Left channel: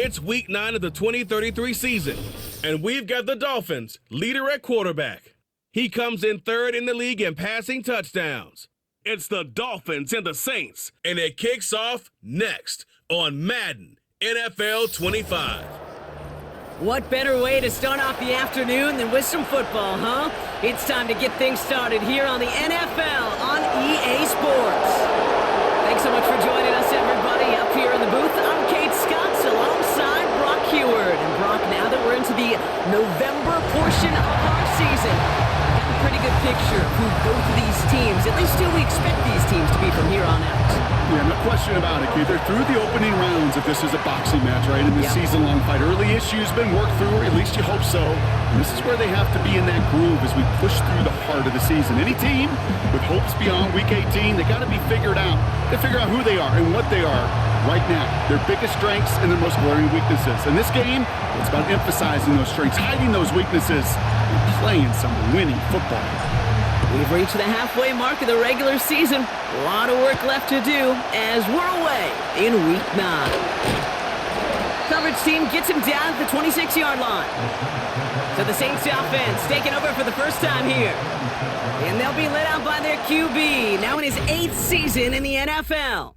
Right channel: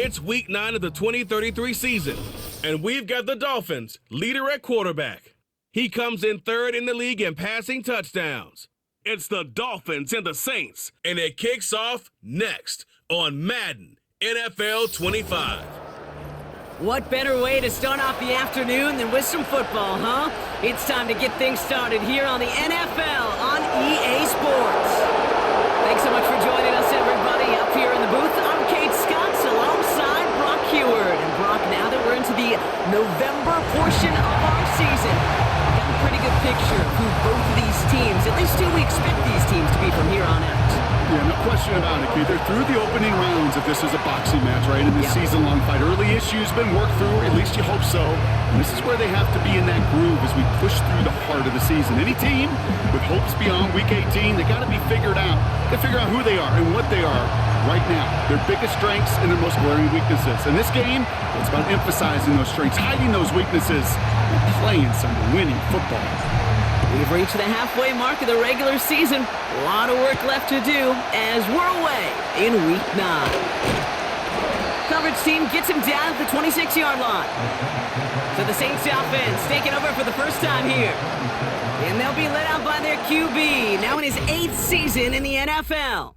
It's week 9 of the 2033 season, and we've got the Dolphins, leader at quarterback. He comes in third in the league in passing touchdowns. It's the Dolphins and the Saints, and it kicks off next on Madden NFL 25. What better way to start off the afternoon than with some football, huh? It's time to get things started here on the NFL on EA Sports. Thanks so much for joining us, everybody. Up here in the booth, I'm Kate Scotts alongside Brock Heward. And Brock, now that we're into the November portion of our season, we've got a pretty good picture of who both of these teams, at least who we expect these teams to be from here on out. Yeah, no question about it, Kate. They're through the opening rounds if this is a boxing match, right? In this season-long fight. Early issues been worked through, or at least you hope so. And this is where they have to be in that groove as we push through the heart of the season. Any team with hopes beyond Week 18, they got to be figured out. Got to figure out who they are and what they are right now. Their biggest strengths and their most glaring weaknesses. In this game, it's about emphasizing those strengths, hiding those weaknesses, and playing some winning football. We've reached the halfway mark of the regular season. A lot of work left to do as we're away in Week 9. Coverage team gets him down at the 26-yard line. So the Saints offense taking over for the first time here. And they'll be led out by their QB, now in his 8th season in the NFL.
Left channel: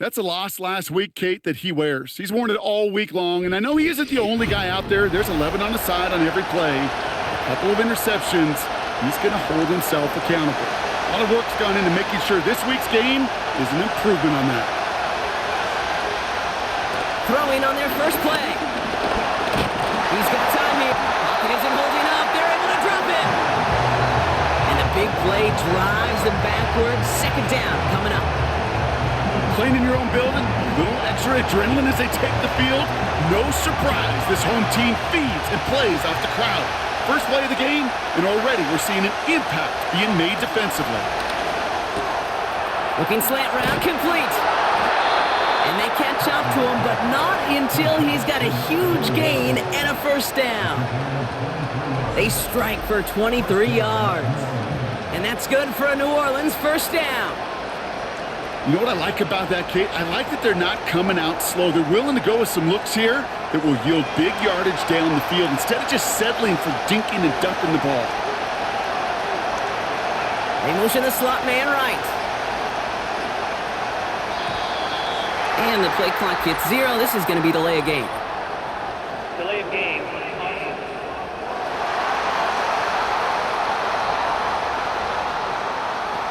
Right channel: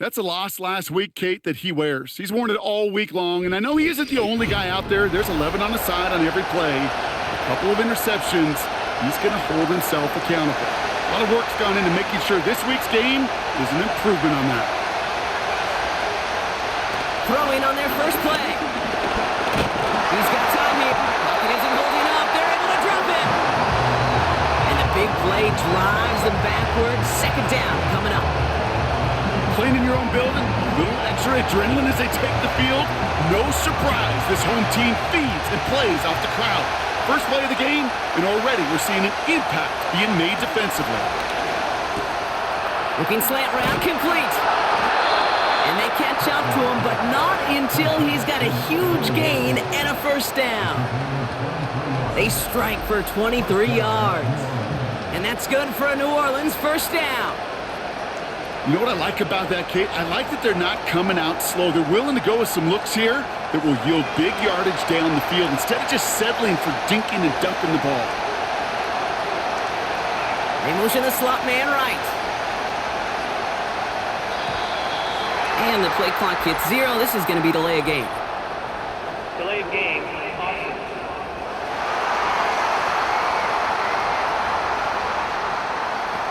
That's a loss last week, Kate, that he wears. He's worn it all week long, and I know he isn't the only guy out there. There's 11 on the side on every play. A couple of interceptions. He's going to hold himself accountable. A lot of work's gone into making sure this week's game is an improvement on that. Throwing on their first play. He's got time here. Pocket isn't holding up. They're able to drop it. And the big play drives them backwards. Second down coming up. Playing in your own building, a little extra adrenaline as they take the field. No surprise, this home team feeds and plays off the crowd. First play of the game, and already we're seeing an impact being made defensively. Looking slant route, complete. And they catch up to him, but not until he's got a huge gain and a first down. They strike for 23 yards. And that's good for a New Orleans first down. You know what I like about that, Kate? I like that they're not coming out slow. They're willing to go with some looks here that will yield big yardage down the field instead of just settling for dinking and dunking the ball. They motion the slot man right. And the play clock hits 0. This is going to be delay of game. Delay of game, offense.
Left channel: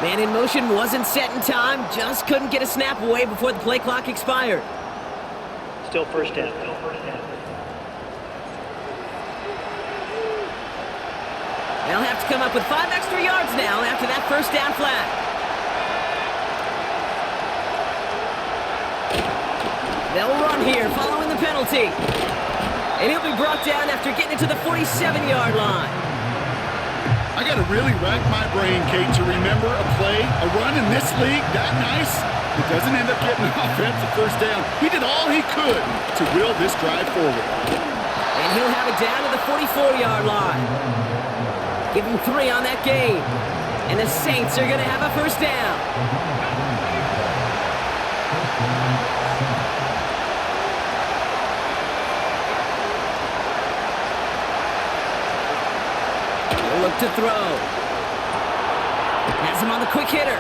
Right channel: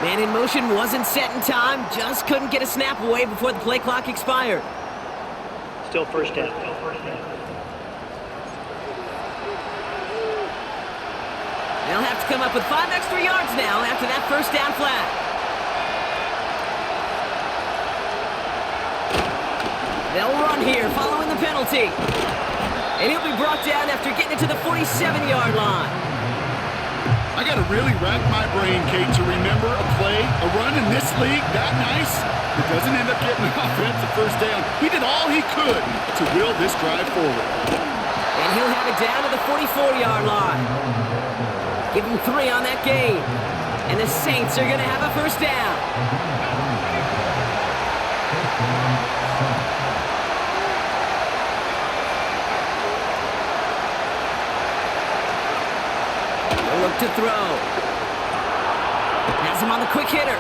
Man in motion wasn't set in time, just couldn't get a snap away before the play clock expired. Still first down. They'll have to come up with 5 extra yards now after that first down flag. They'll run here following the penalty. And he'll be brought down after getting it to the 47-yard line. I got to really rack my brain, Kate, to remember a play, a run in this league that nice that doesn't end up getting an offensive first down. He did all he could to will this drive forward. And he'll have it down to the 44-yard line. Give him 3 on that game. And the Saints are going to have a first down. Look to throw. Has him on the quick hitter.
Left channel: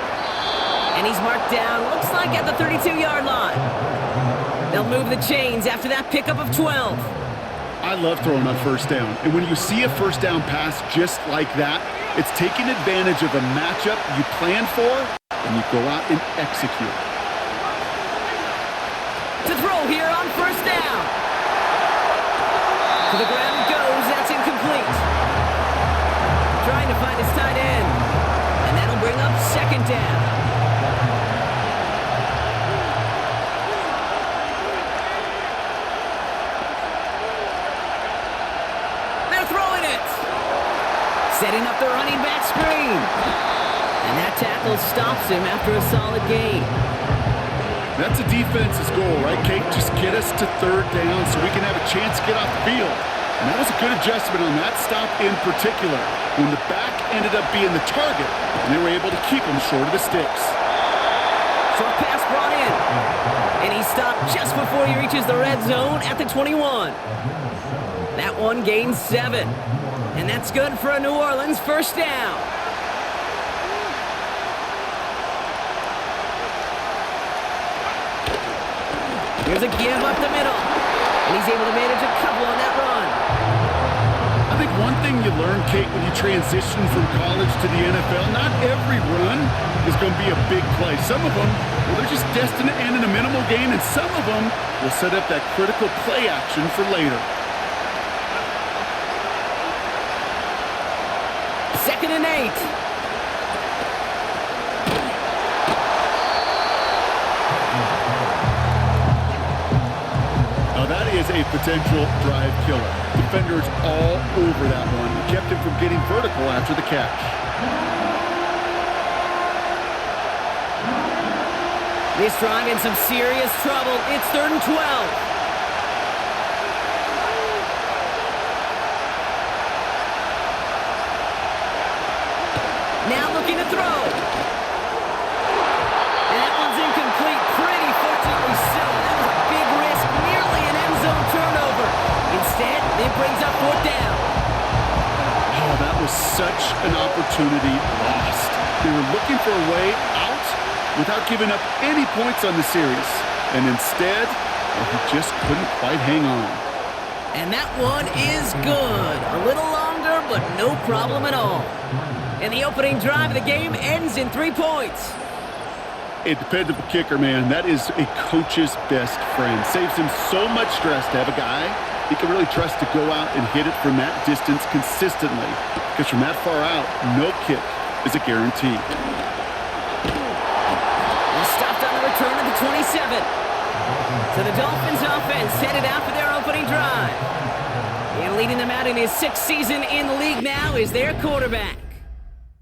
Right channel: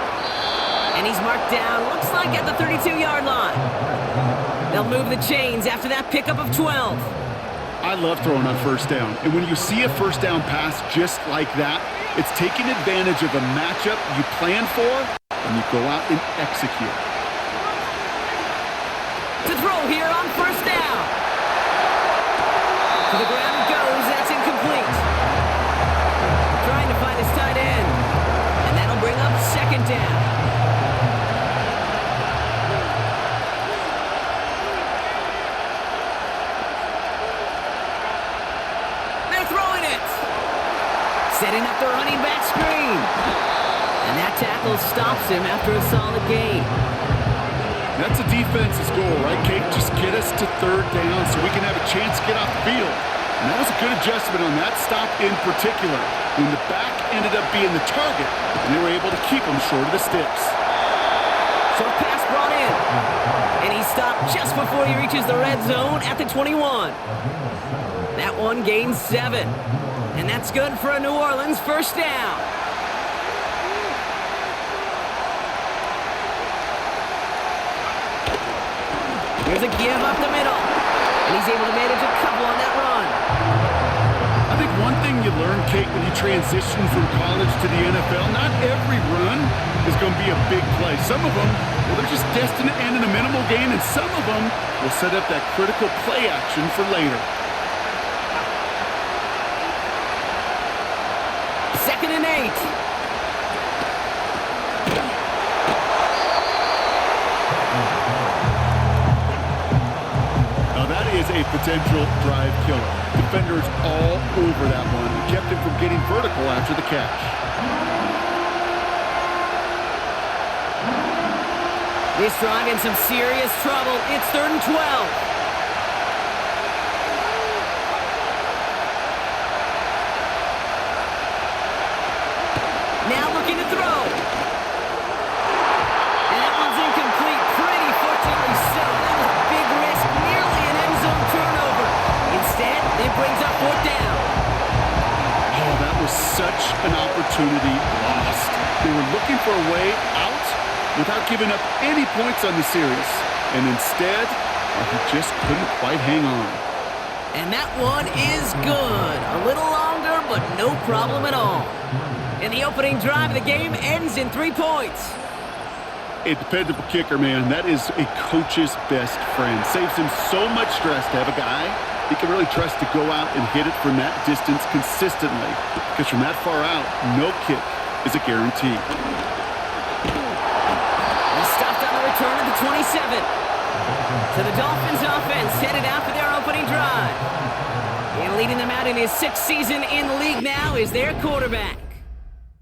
And he's marked down, looks like at the 32-yard line. They'll move the chains after that pickup of 12. I love throwing on first down. And when you see a first down pass just like that, it's taking advantage of a matchup you plan for, and you go out and execute. To throw here on first down. To the ground it goes. That's incomplete. Trying to find his tight end. And that'll bring up second down. They're throwing it. Setting up the running back screen. And that tackle stops him after a solid gain. That's a defense's goal, right, Kate? Just get us to third down so we can have a chance to get off the field. And that was a good adjustment on that stop in particular, when the back ended up being the target, and they were able to keep him short of the sticks. Short pass brought in. And he stopped just before he reaches the red zone at the 21. That one gains 7. And that's good for a New Orleans first down. Here's a give up the middle. And he's able to manage a couple on that run. I think one thing you learn, Kate, when you transition from college to the NFL, not every run is going to be a big play. Some of them, well, they're just destined to end in a minimal gain, and some of them will set up that critical play action for later. 2nd and 8. Now that is a potential drive killer. Defenders all over that one. It kept him from getting vertical after the catch. This drive in some serious trouble. It's 3rd and 12. Now looking to throw. And that one's incomplete. Pretty fortunately so. That was a big risk. Nearly an end zone turnover. Instead, it brings up 4th down. Oh, that was such an opportunity lost. They were looking for a way out without giving up any points on the series. And instead, he just couldn't quite hang on. And that one is good. A little longer, but no problem at all. And the opening drive of the game ends in 3 points. A dependable kicker, man. That is a coach's best friend. Saves him so much stress to have a guy he can really trust to go out and hit it from that distance consistently. Because from that far out, no kick is a guarantee. He stopped on the return at the 27. So the Dolphins offense headed out for their opening drive. And leading them out in his 6th season in the league now is their quarterback.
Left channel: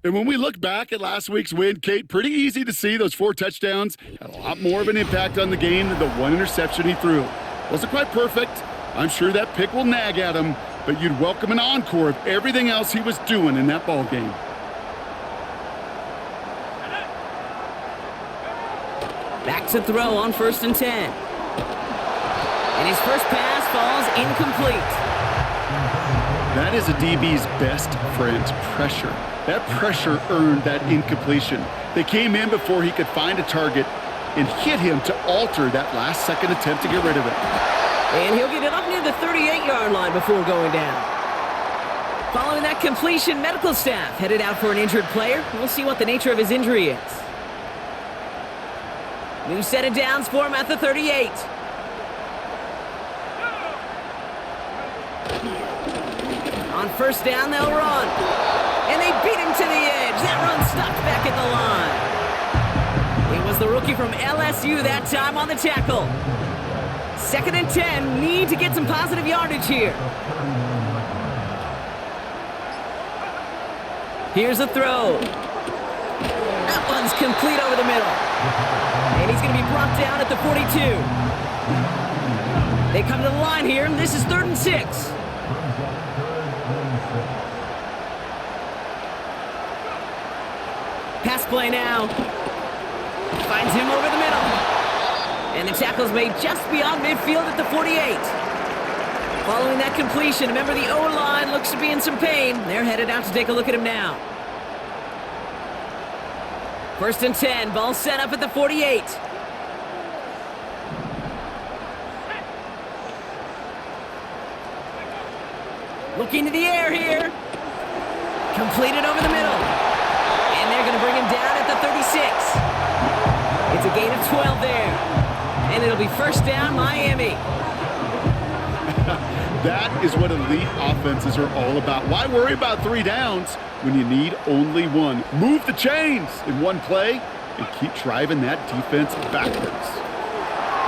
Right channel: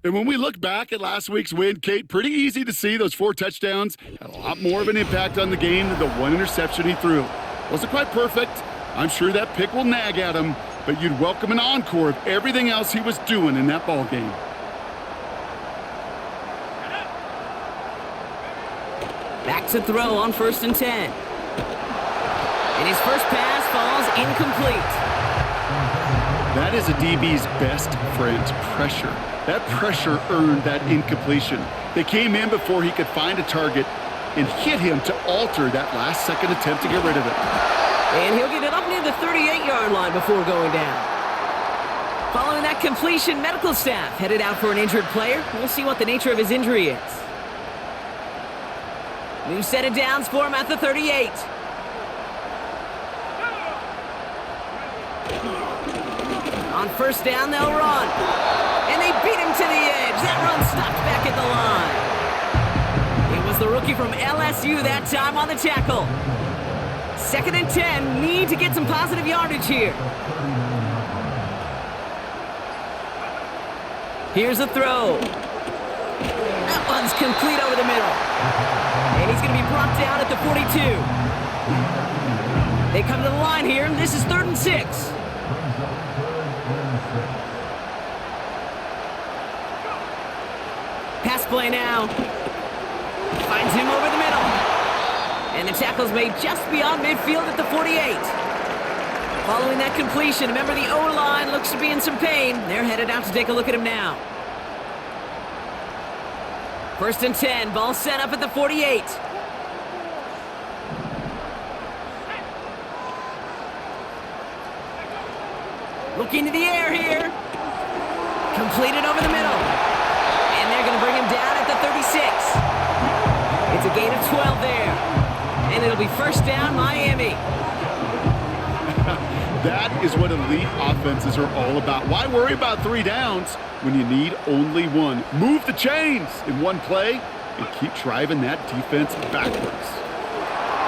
And when we look back at last week's win, Kate, pretty easy to see those 4 touchdowns had a lot more of an impact on the game than the 1 interception he threw. Wasn't quite perfect. I'm sure that pick will nag at him, but you'd welcome an encore of everything else he was doing in that ball game. Back to throw on 1st and 10. And his first pass falls incomplete. That is a DB's best friend, pressure. That pressure earned that incompletion. They came in before he could find a target and hit him to alter that last-second attempt to get rid of it. And he'll get it up near the 38-yard line before going down. Following that completion, medical staff headed out for an injured player. We'll see what the nature of his injury is. New set of downs for him at the 38. On 1st down, they'll run. And they beat him to the edge. That run stopped back at the line. It was the rookie from LSU that time on the tackle. 2nd and 10, need to get some positive yardage here. Here's a throw. That one's complete over the middle. And he's going to be brought down at the 42. They come to the line here, and this is 3rd and 6. Pass play now. Finds him over the middle. And the tackle's made just beyond midfield at the 48. Following that completion, remember the O-line looks to be in some pain. They're headed out to take a look at him now. 1st and 10, ball set up at the 48. Looking to the air here. Completed over the middle. And they're going to bring him down at the 36. It's a gain of 12 there. And it'll be 1st down, Miami. That is what elite offenses are all about. Why worry about 3 downs when you need only 1? Move the chains in one play and keep driving that defense backwards.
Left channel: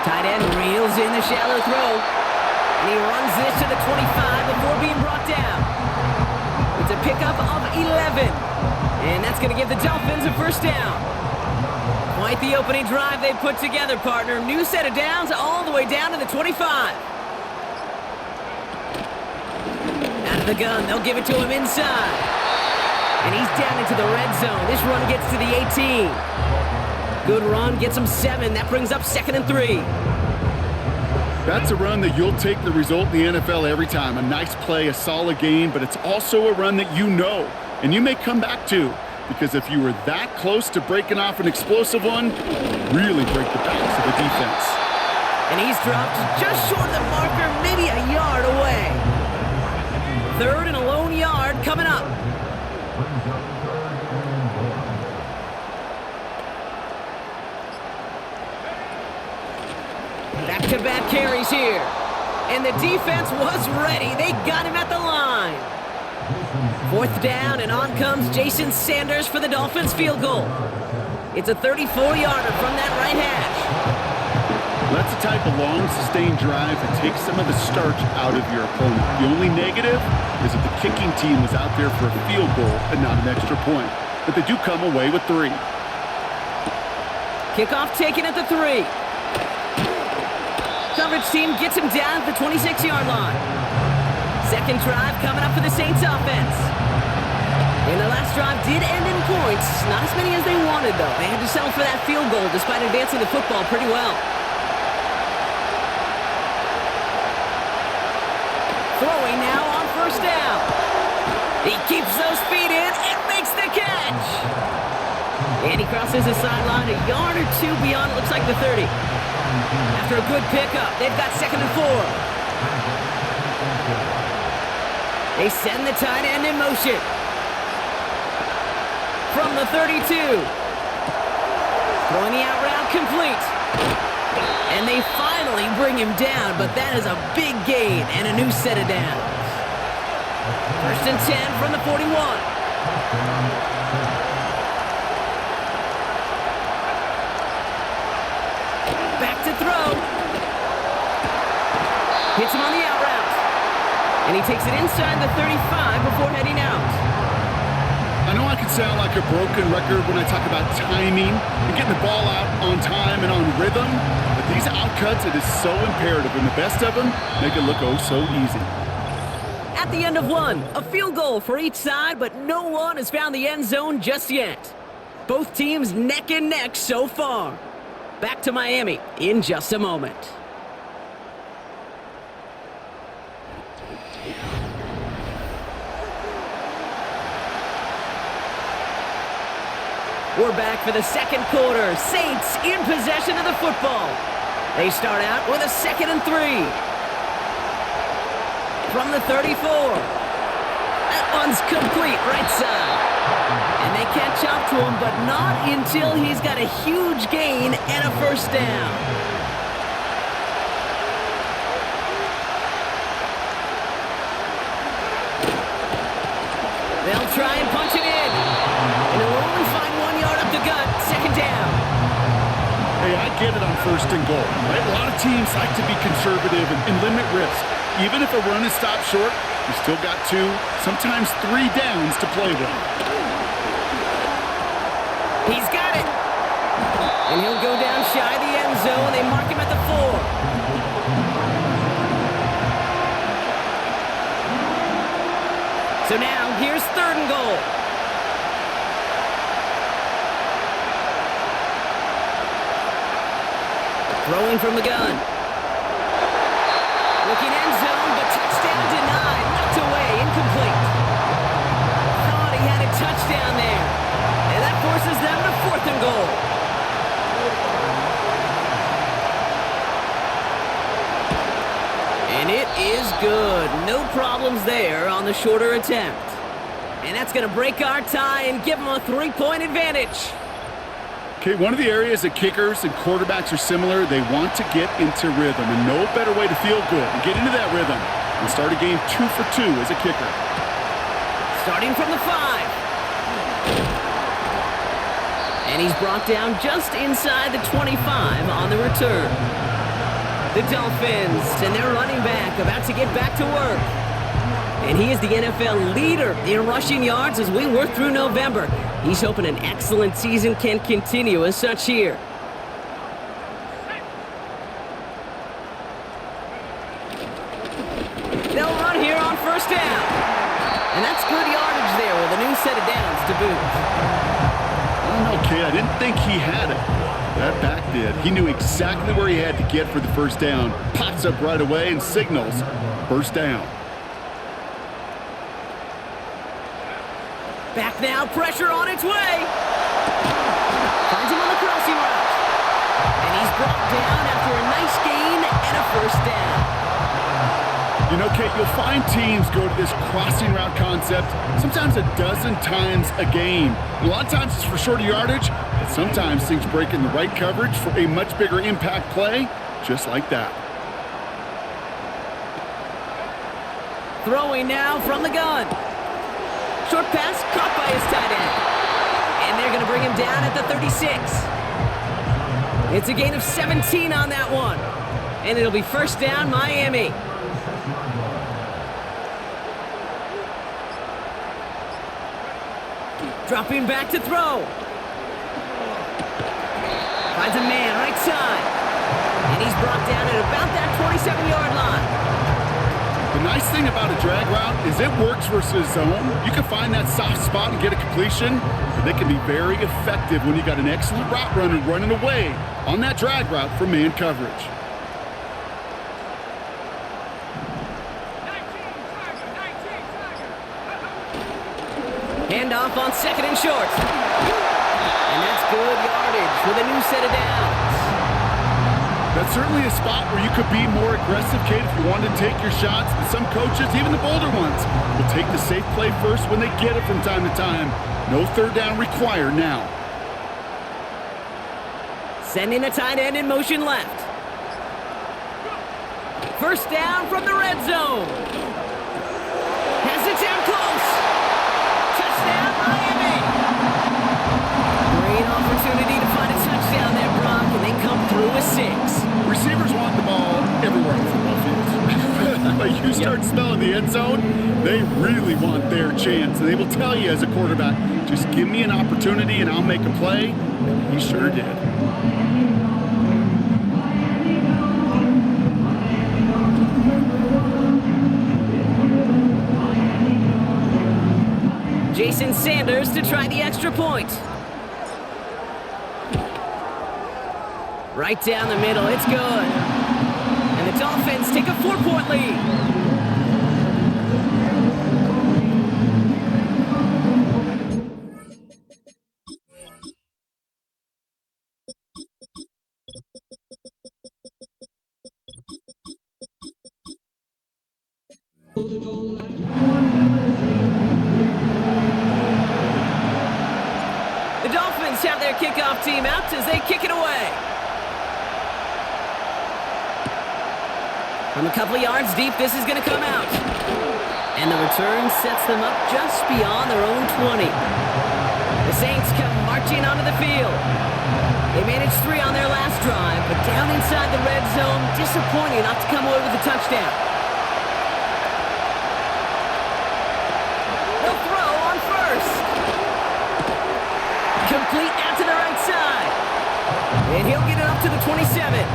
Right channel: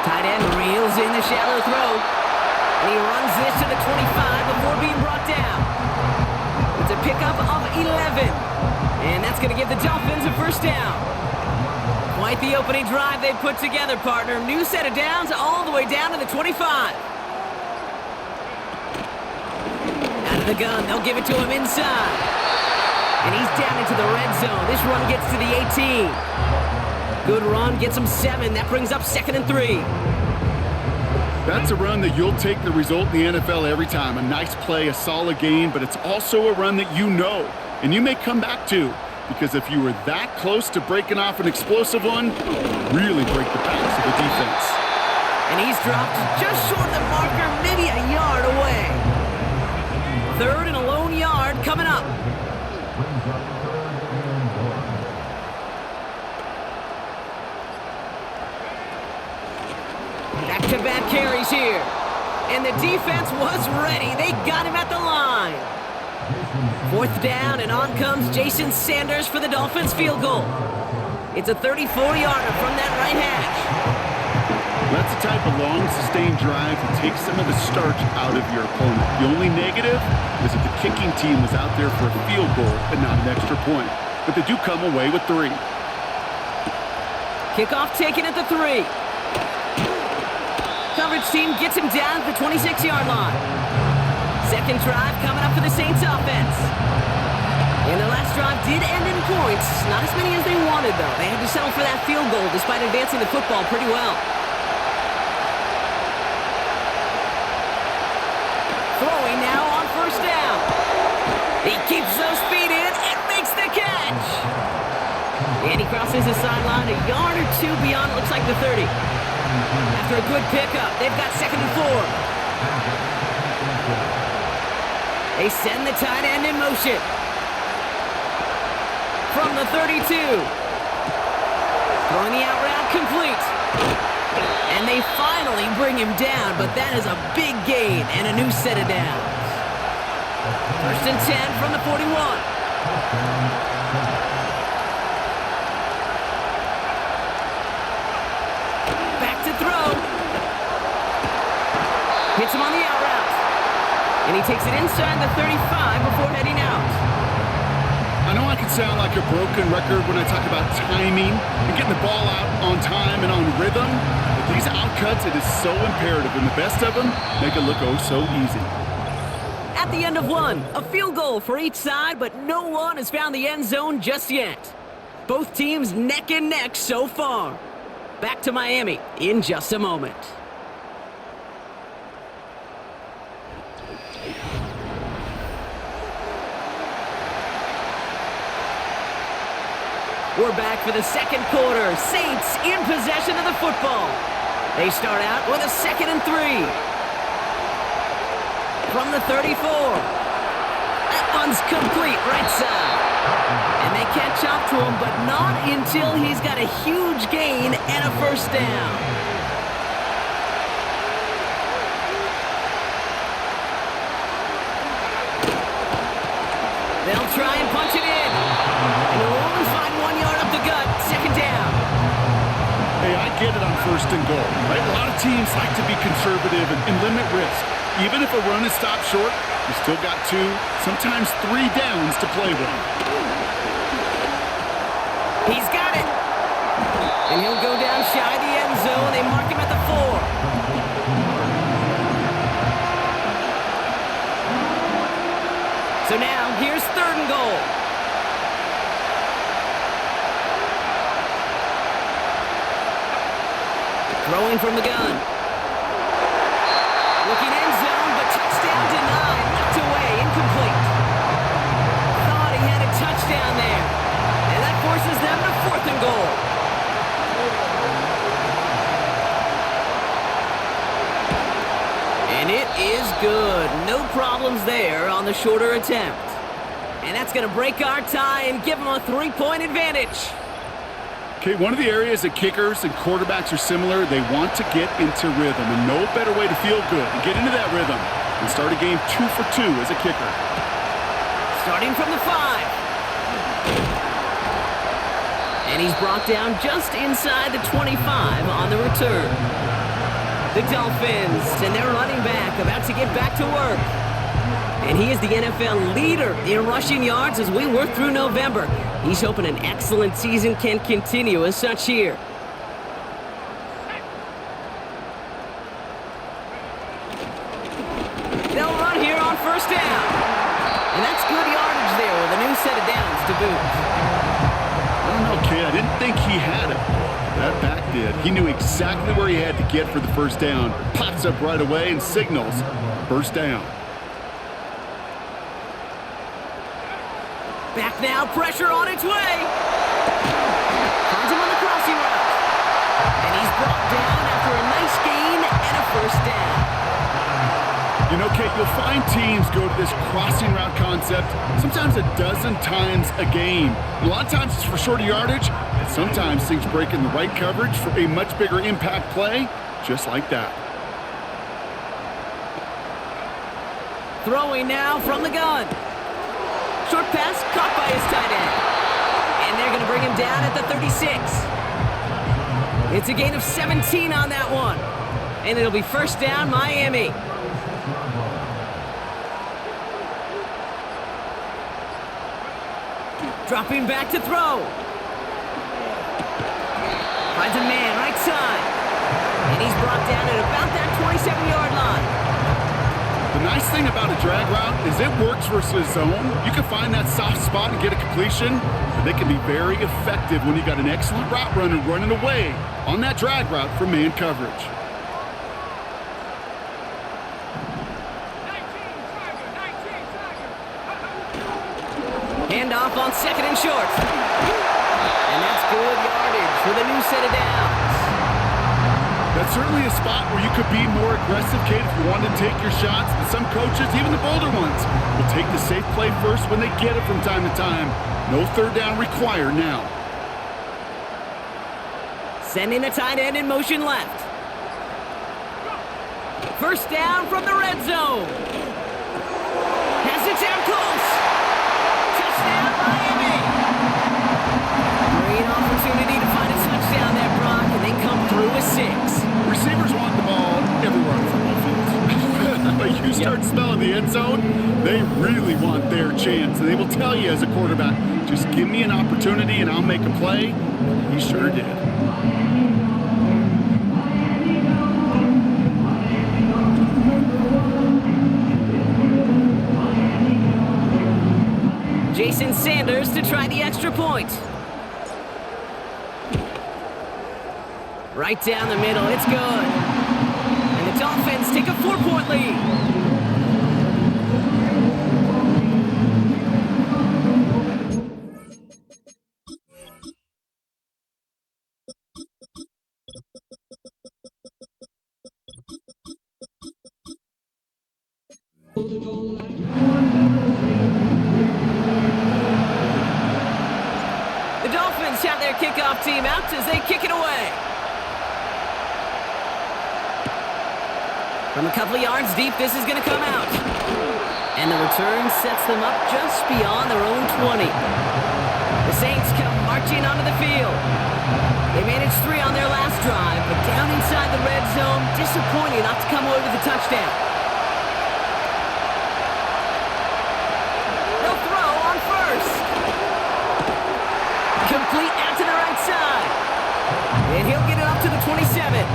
Tight end reels in the shallow throw. And he runs this to the 25 before being brought down. It's a pickup of 11. And that's going to give the Dolphins a 1st down. Quite the opening drive they put together, partner. New set of downs all the way down to the 25. Out of the gun, they'll give it to him inside. And he's down into the red zone. This run gets to the 18. Good run, gets him 7. That brings up 2nd and 3. That's a run that you'll take the result in the NFL every time. A nice play, a solid game, but it's also a run that you know, and you may come back to, because if you were that close to breaking off an explosive one, really break the backs of the defense. And he's dropped just short of the marker, maybe a yard away. 3rd and a lone yard coming up. Back-to-back carries here. And the defense was ready. They got him at the line. 4th down, and on comes Jason Sanders for the Dolphins field goal. It's a 34-yarder from that right hash. That's the type of long, sustained drive that takes some of the starch out of your opponent. The only negative is that the kicking team was out there for a field goal and not an extra point. But they do come away with 3. Kickoff taken at the 3. Coverage team gets him down at the 26-yard line. 2nd drive coming up for the Saints offense. And the last drive did end in points. Not as many as they wanted, though. They had to settle for that field goal despite advancing the football pretty well. Throwing now on 1st down. He keeps those feet in and makes the catch. And he crosses the sideline a yard or 2 beyond, it looks like the 30. After a good pickup, they've got 2nd and 4. They send the tight end in motion. From the 32. Throwing the out route complete. And they finally bring him down, but that is a big gain and a new set of downs. 1st and 10 from the 41. Back to throw. Hits him on the out route. And he takes it inside the 35 before heading out. I know I can sound like a broken record when I talk about timing and getting the ball out on time and on rhythm, but these outcuts, it is so imperative, and the best of them make it look oh so easy. At the end of one, a field goal for each side, but no one has found the end zone just yet. Both teams neck and neck so far. Back to Miami in just a moment. We're back for the 2nd quarter. Saints in possession of the football. They start out with a 2nd and 3. From the 34. That one's complete right side. And they catch up to him, but not until he's got a huge gain and a 1st down. They'll try and punch it in. And they'll only find 1 yard up the gut. 2nd down. Hey, I get it on 1st and goal, right? A lot of teams like to be conservative and limit risk. Even if a run is stopped short, you still got 2, sometimes 3 downs to play with. He's got it. And he'll go down shy of the end zone. They mark him at the 4. So now, here's 3rd and goal. Throwing from the gun. Looking end zone, but touchdown denied. Knocked away, incomplete. Thought he had a touchdown there. And that forces them to 4th and goal. And it is good. No problems there on the shorter attempt. And that's going to break our tie and give them a 3-point advantage. Okay, one of the areas that kickers and quarterbacks are similar, they want to get into rhythm, and no better way to feel good and get into that rhythm and start a game 2 for 2 as a kicker. Starting from the 5. And he's brought down just inside the 25 on the return. The Dolphins and their running back about to get back to work. And he is the NFL leader in rushing yards as we work through November. He's hoping an excellent season can continue as such here. They'll run here on 1st down. And that's good yardage there with a new set of downs to boot. I don't know, kid. I didn't think he had it. That back did. He knew exactly where he had to get for the first down. Pops up right away and signals first down. Back now, pressure on its way. Finds him on the crossing route. And he's brought down after a nice gain and a first down. You know, Kate, you'll find teams go to this crossing route concept sometimes a dozen times a game. A lot of times it's for shorter yardage, but sometimes things break in the right coverage for a much bigger impact play, just like that. Throwing now from the gun. Short pass caught by his tight end. And they're going to bring him down at the 36. It's a gain of 17 on that one. And it'll be first down, Miami. Dropping back to throw. Finds a man right side. And he's brought down at about that 27-yard line. The nice thing about a drag route is it works versus zone. You can find that soft spot and get a completion, but they can be very effective when you got an excellent route runner running away on that drag route from man coverage. 19 Tiger. Handoff on second and short. And that's good yardage with a new set of downs. That's certainly a spot where you could be more aggressive, Kate, if you wanted to take your shots. But some coaches, even the bolder ones, will take the safe play first when they get it from time to time. No third down required now. Sending the tight end in motion left. First down from the red zone. Has it down close. Touchdown, Miami. Great opportunity to find a touchdown there, Brock, and they come through with 6. Receivers want the ball everywhere on the football field. But you start smelling the end zone, they really want their chance. And they will tell you as a quarterback, just give me an opportunity and I'll make a play. And he sure did. Jason Sanders to try the extra point. Right down the middle, it's good. And the Dolphins take a 4-point lead. The Dolphins have their kickoff team out as they kick it away. From a couple of yards deep, this is going to come out. And the return sets them up just beyond their own 20. The Saints come marching onto the field. They managed 3 on their last drive, but down inside the red zone, disappointing not to come away with a touchdown. They'll throw on first. Complete out to the right side. And he'll get it up to the 27.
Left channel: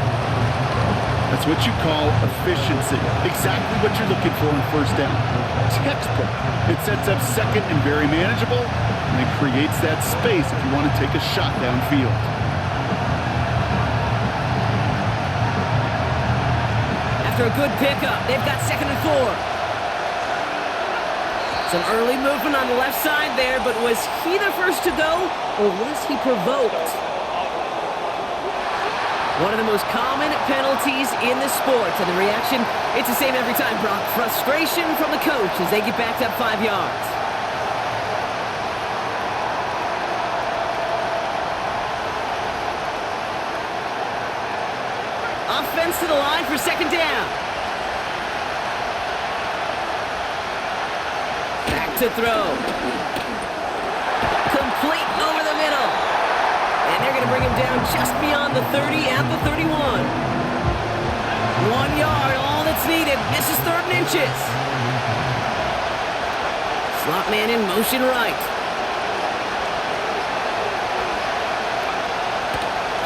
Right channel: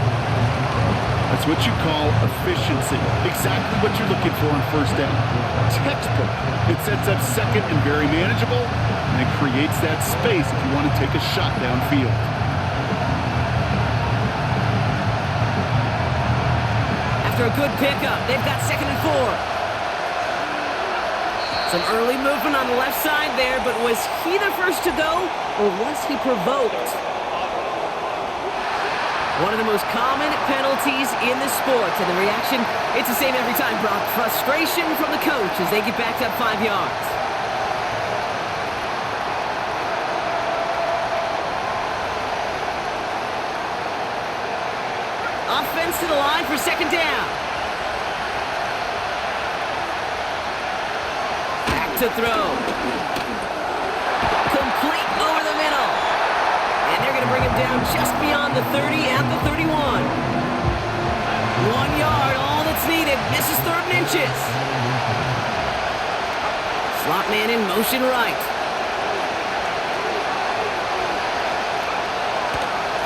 That's what you call efficiency. Exactly what you're looking for on first down. Textbook. It sets up second and very manageable, and it creates that space if you want to take a shot downfield. After a good pickup, they've got 2nd and 4. Some early movement on the left side there, but was he the first to go, or was he provoked? One of the most common penalties in the sport, and the reaction, it's the same every time, Brock. Frustration from the coach as they get backed up 5 yards. Offense to the line for 2nd down. Back to throw. Complete over the middle. And they're going to bring him down just beyond the 30 at the 31. 1 yard, all that's needed. This is 3rd and inches. Slot man in motion right.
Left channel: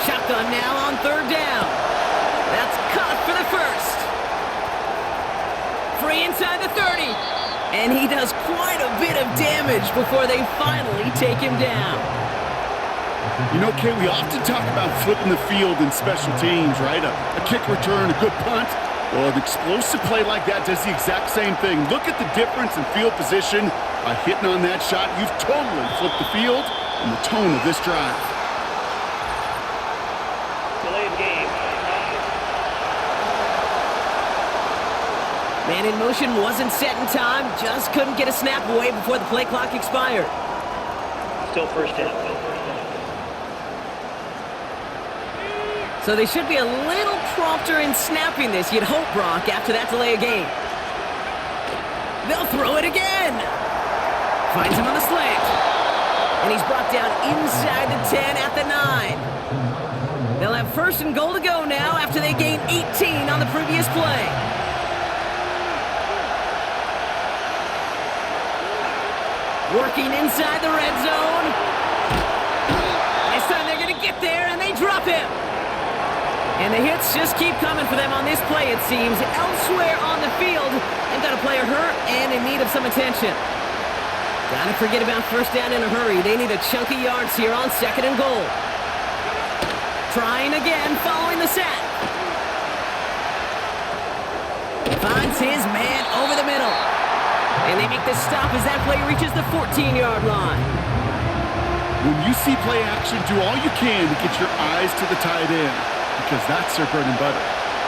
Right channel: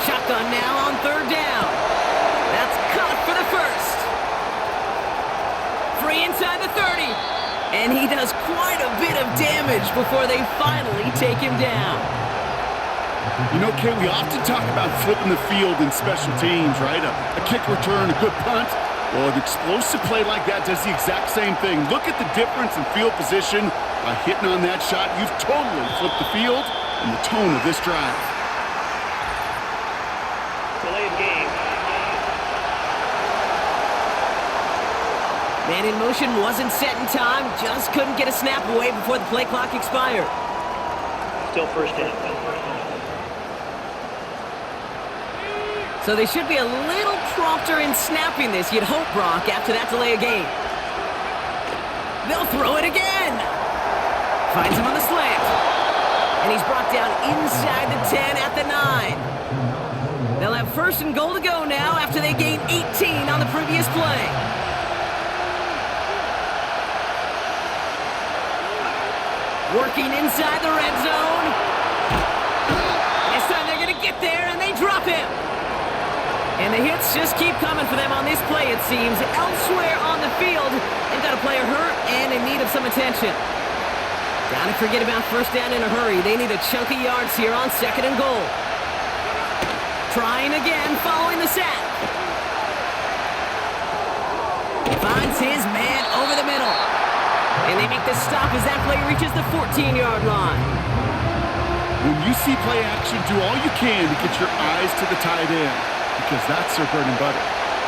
Shotgun now on 3rd down. That's caught for the first. Free inside the 30. And he does quite a bit of damage before they finally take him down. You know, Kay, we often talk about flipping the field in special teams, right? A kick return, a good punt. Well, an explosive play like that does the exact same thing. Look at the difference in field position. By hitting on that shot, you've totally flipped the field and the tone of this drive. Delay of game. Man in motion wasn't set in time, just couldn't get a snap away before the play clock expired. Still first down. So they should be a little prompter in snapping this, you'd hope, Brock, after that delay of game. They'll throw it again. Finds him on the slant. And he's brought down inside the 10 at the 9. They'll have first and goal to go now after they gained 18 on the previous play. Working inside the red zone. This time they're going to get there, and they drop him. And the hits just keep coming for them on this play, it seems. Elsewhere on the field, they've got a player hurt and in need of some attention. Gotta forget about first down in a hurry. They need a chunk of yards here on second and goal. Trying again, following the sack. Finds his man over the middle. And they make the stop as that play reaches the 14-yard line. When you see play action, do all you can to get your eyes to the tight end, because that's their bread and butter.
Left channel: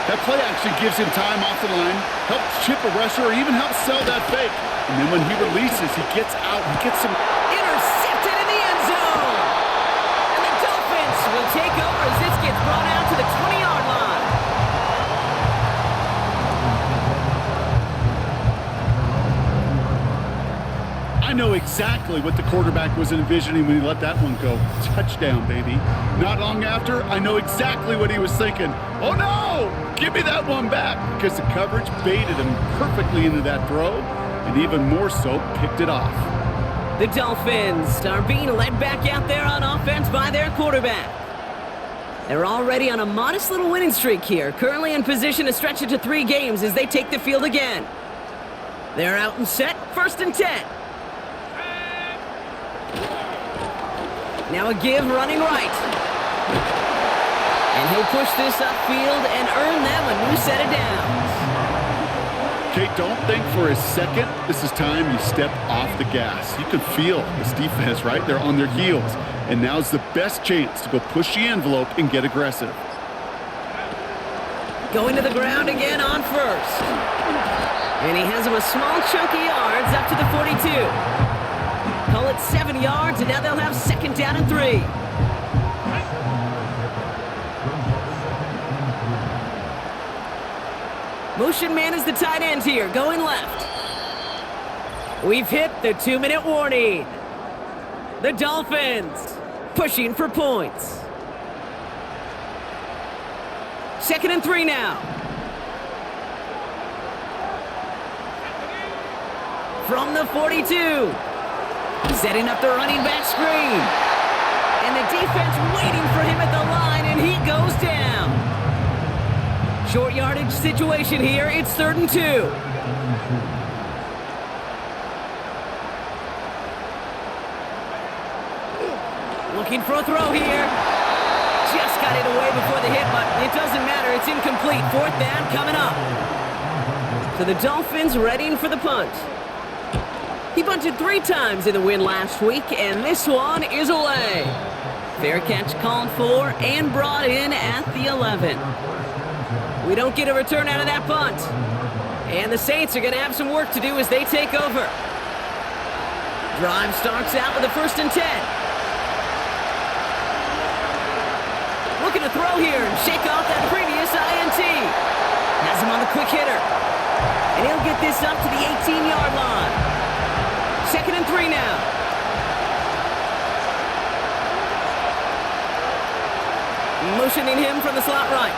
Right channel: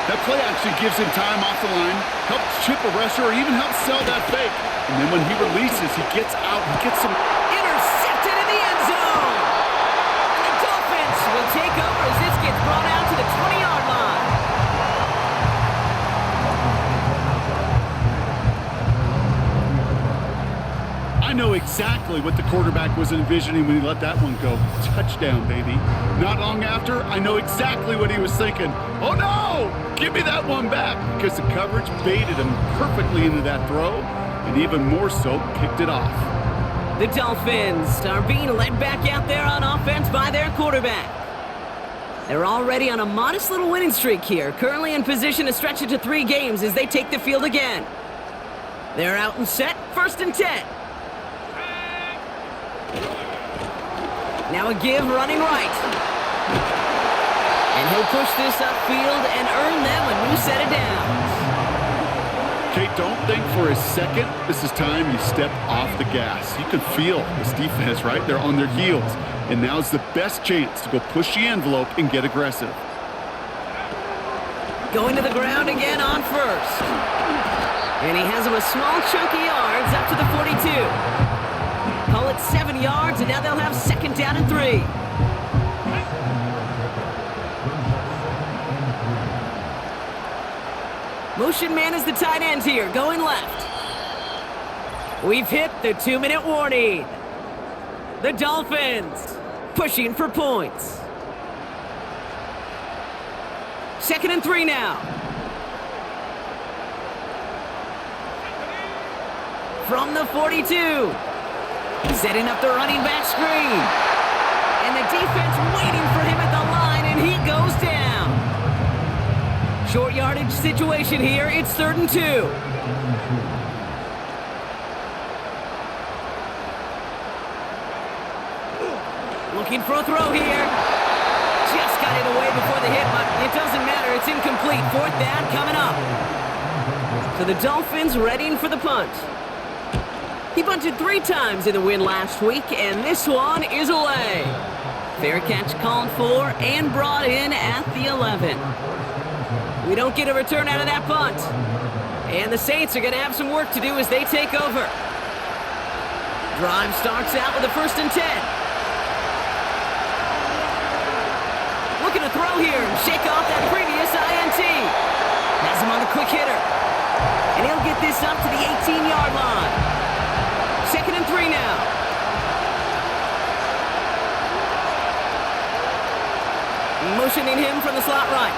That play action gives him time off the line, helps chip a rusher, or even helps sell that fake. And then when he releases, he gets out, he gets some... Intercepted in the end zone! And the Dolphins will take over as this gets brought out to the 20-yard line. I know exactly what the quarterback was envisioning when he let that one go. Touchdown, baby. Not long after, I know exactly what he was thinking. Oh no! Give me that one back! Because the coverage baited him perfectly into that throw, and even more so, picked it off. The Dolphins are being led back out there on offense by their quarterback. They're already on a modest little winning streak here, currently in position to stretch it to 3 games as they take the field again. They're out and set, first and 10. Now a give running right. And he'll push this upfield and earn them a new set of downs. Kate, don't think for a second this is time you step off the gas. You can feel this defense, right? They're on their heels. And now's the best chance to go push the envelope and get aggressive. Going to the ground again on first. And he has him a small chunk of yards up to the 42. Call it 7 yards, and now they'll have second down and 3. Motion man is the tight end here, going left. We've hit the 2-minute warning. The Dolphins pushing for points. Second and 3 now. From the 42. Setting up the running back screen. And the defense waiting for him at the line, and he goes down. Short yardage situation here. It's 3rd and 2. Looking for a throw here. Just got it away before the hit, but it doesn't matter. It's incomplete. 4th down coming up. So the Dolphins readying for the punt. He bunted 3 times in the win last week, and this one is away. Fair catch called for and brought in at the 11. We don't get a return out of that punt. And the Saints are going to have some work to do as they take over. Drive starts out with a 1st and 10. Looking to throw here and shake off that previous INT. Has him on the quick hitter. And he'll get this up to the 18-yard line. 2nd and 3 now. Motioning him from the slot right.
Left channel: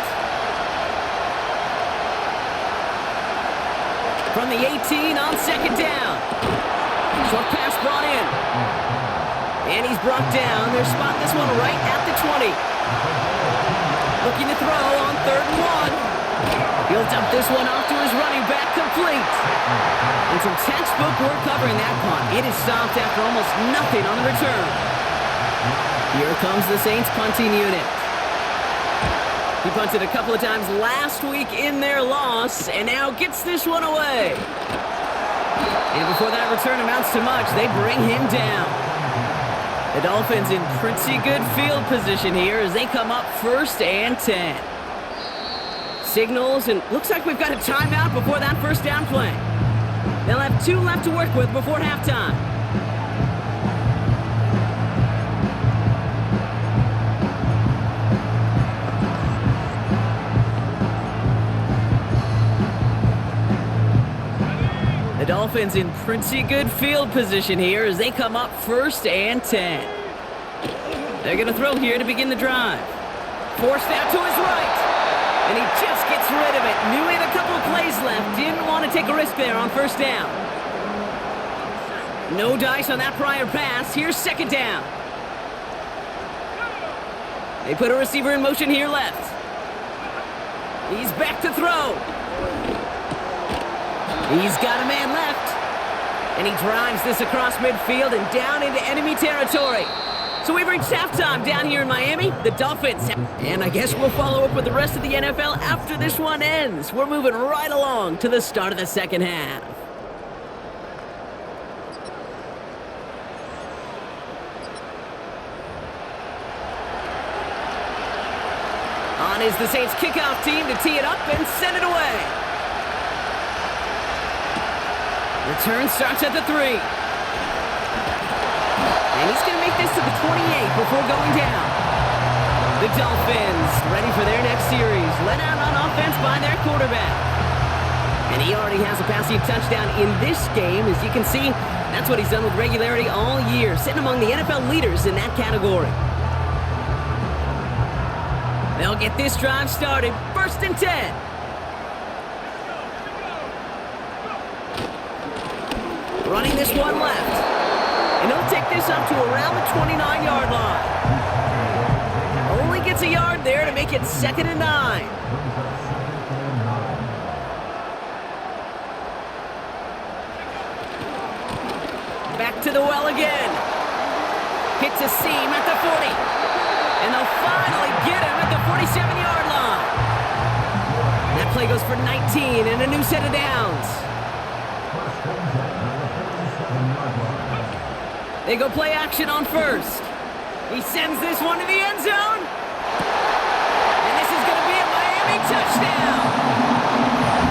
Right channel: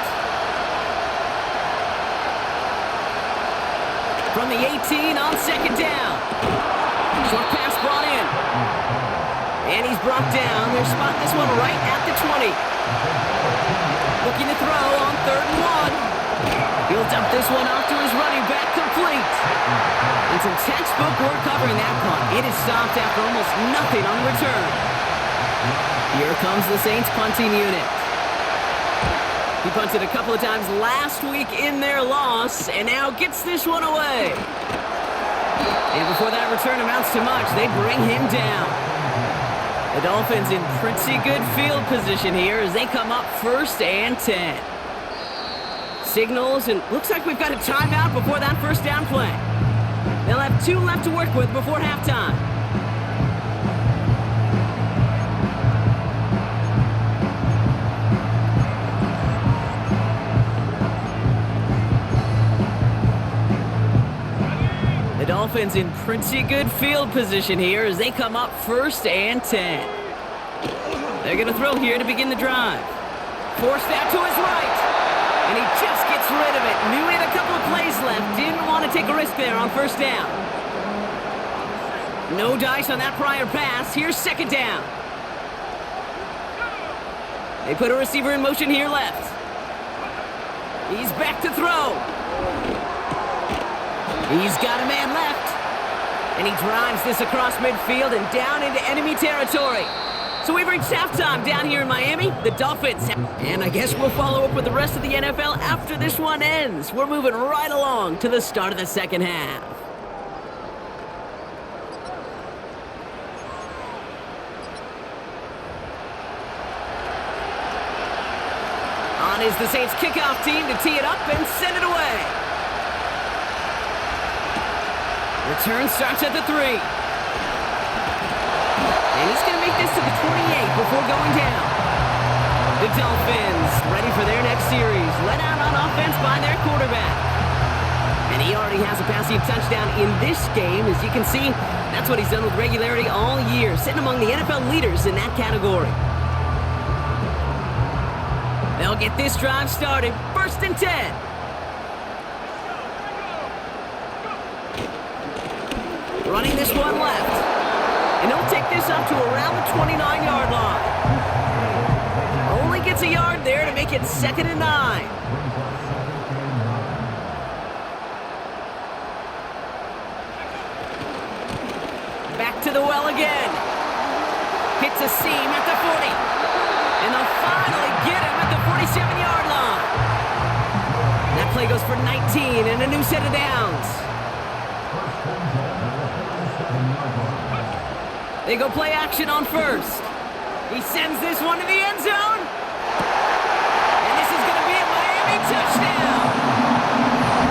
From the 18 on 2nd down. Short pass brought in. And he's brought down. They'll spot this one right at the 20. Looking to throw on 3rd and 1. He'll dump this one off to his running back, complete. And some textbook work covering that punt. It is stopped after almost nothing on the return. Here comes the Saints punting unit. He punted a couple of times last week in their loss, and now gets this one away. And before that return amounts to much, they bring him down. The Dolphins in pretty good field position here as they come up 1st and 10. Signals, and looks like we've got a timeout before that first down play. They'll have 2 left to work with before halftime. The Dolphins in pretty good field position here as they come up 1st and 10. They're going to throw here to begin the drive. Forced out to his right. And he just gets rid of it. Knew he had a couple of plays left. Didn't want to take a risk there on 1st down. No dice on that prior pass. Here's 2nd down. They put a receiver in motion here left. He's back to throw. He's got a man left. And he drives this across midfield and down into enemy territory. So we've reached halftime down here in Miami. The Dolphins. And I guess we'll follow up with the rest of the NFL after this one ends. We're moving right along to the start of the second half. On is the Saints kickoff team to tee it up and send it away. Return starts at the 3. And he's going to make this to the 28 before going down. The Dolphins ready for their next series. Led out on offense by their quarterback. And he already has a passing touchdown in this game. As you can see, that's what he's done with regularity all year, sitting among the NFL leaders in that category. They'll get this drive started. 1st and 10. Running this one left. And he'll take this up to around the 29-yard line. Only gets a yard there to make it 2nd and 9. Back to the well again. Hits a seam at the 40. And they'll finally get him at the 47-yard line. That play goes for 19 and a new set of downs. They go play action on 1st. He sends this one to the end zone. And this is going to be a Miami touchdown.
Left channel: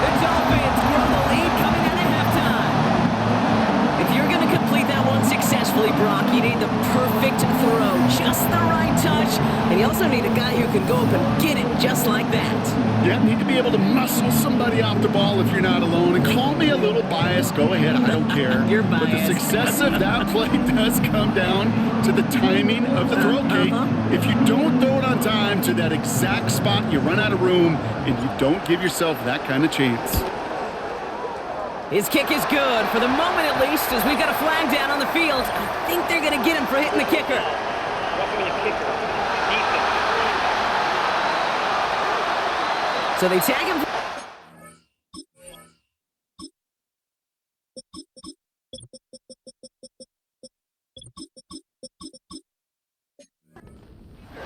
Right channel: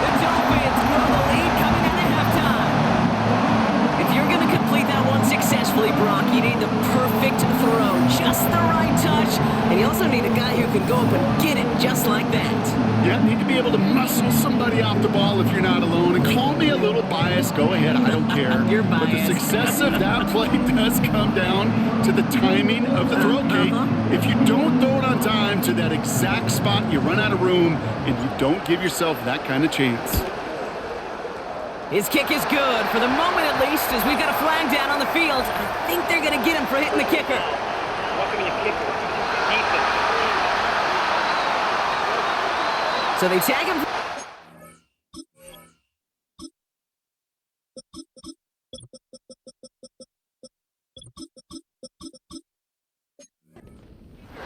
The Dolphins grow the lead coming out of halftime. If you're going to complete that one successfully, Brock, you need the perfect throw. Just the right touch. And you also need a guy who can go up and get it just like that. Yeah, need to be able to muscle somebody off the ball if you're not alone. And call me a little biased. Go ahead. I don't care. You're biased. But the success of that play does come down to the timing of the throw, Kate. If you don't throw it on time to that exact spot, you run out of room, and you don't give yourself that kind of chance. His kick is good, for the moment at least, as we've got a flag down on the field. I think they're going to get him for hitting the kicker. Roughing the kicker. Defense. So they tag him.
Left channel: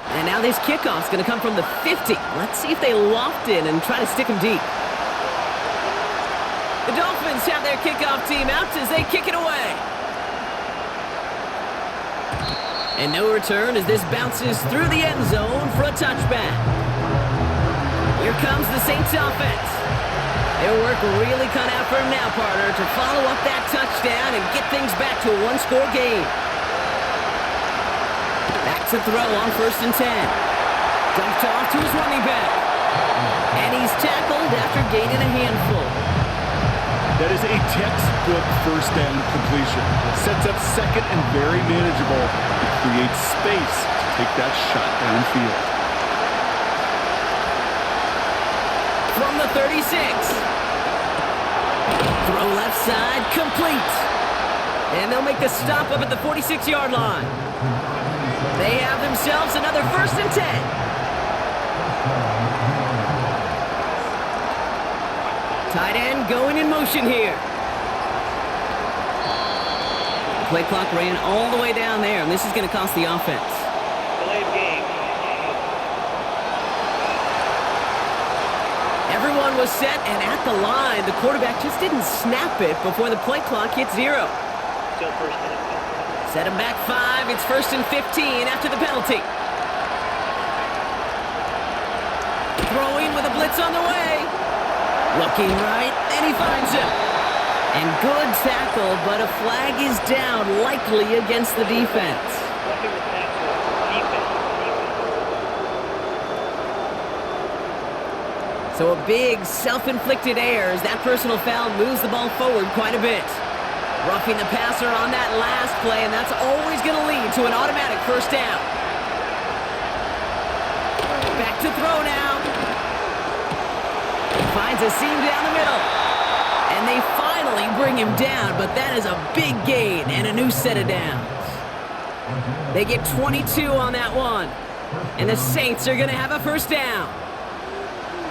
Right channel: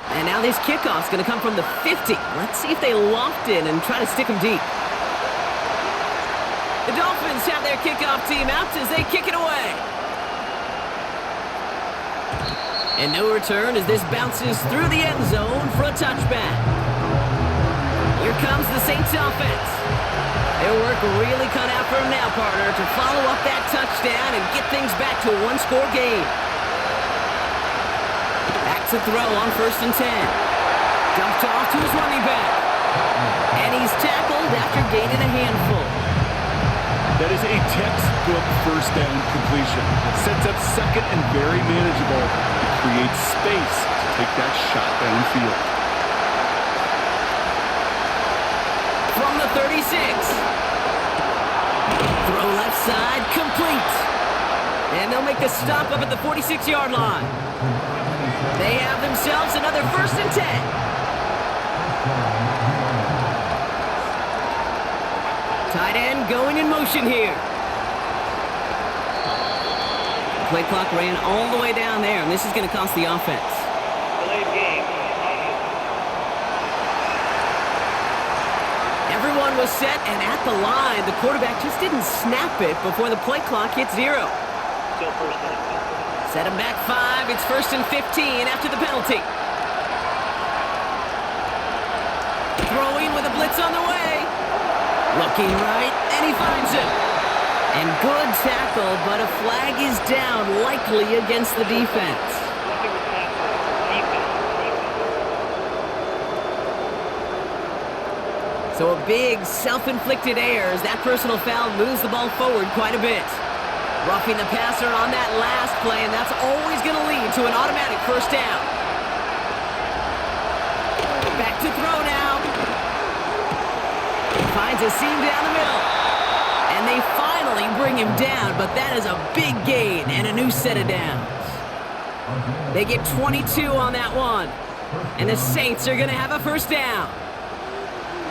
And now this kickoff's going to come from the 50. Let's see if they loft in and try to stick him deep. The Dolphins have their kickoff team out as they kick it away. And no return as this bounces through the end zone for a touchback. Here comes the Saints offense. Their work really cut out for him now, partner, to follow up that touchdown and get things back to a one-score game. Back to throw on 1st and 10. Dumped off to his running back. And he's tackled after gaining a handful. That is a textbook 1st down completion. Sets up 2nd and very manageable. It creates space to take that shot downfield. From the 36. Throw left side, complete. And they'll make the stop up at the 46-yard line. They have themselves another 1st and 10. Tight end going in motion here. Play clock ran all the way down there, and this is going to cost the offense. Everyone was set and at the line. The quarterback just didn't snap it before the play clock hit 0. Still first down. Set him back 5. It's 1st and 15 after the penalty. Throwing with a blitz on the way. Looking right, and he finds him. And good tackle, but a flag is down, likely against the defense. Roughing the passer, defense. So a big self-inflicted error as that personal foul moves the ball forward quite a bit. Roughing the passer on that last play, and that's always going to lead to an automatic first down. Back to throw now. Finds a seam down the middle. And they finally bring him down, but that is a big gain and a new set of downs. They get 22 on that one. And the Saints are going to have a first down.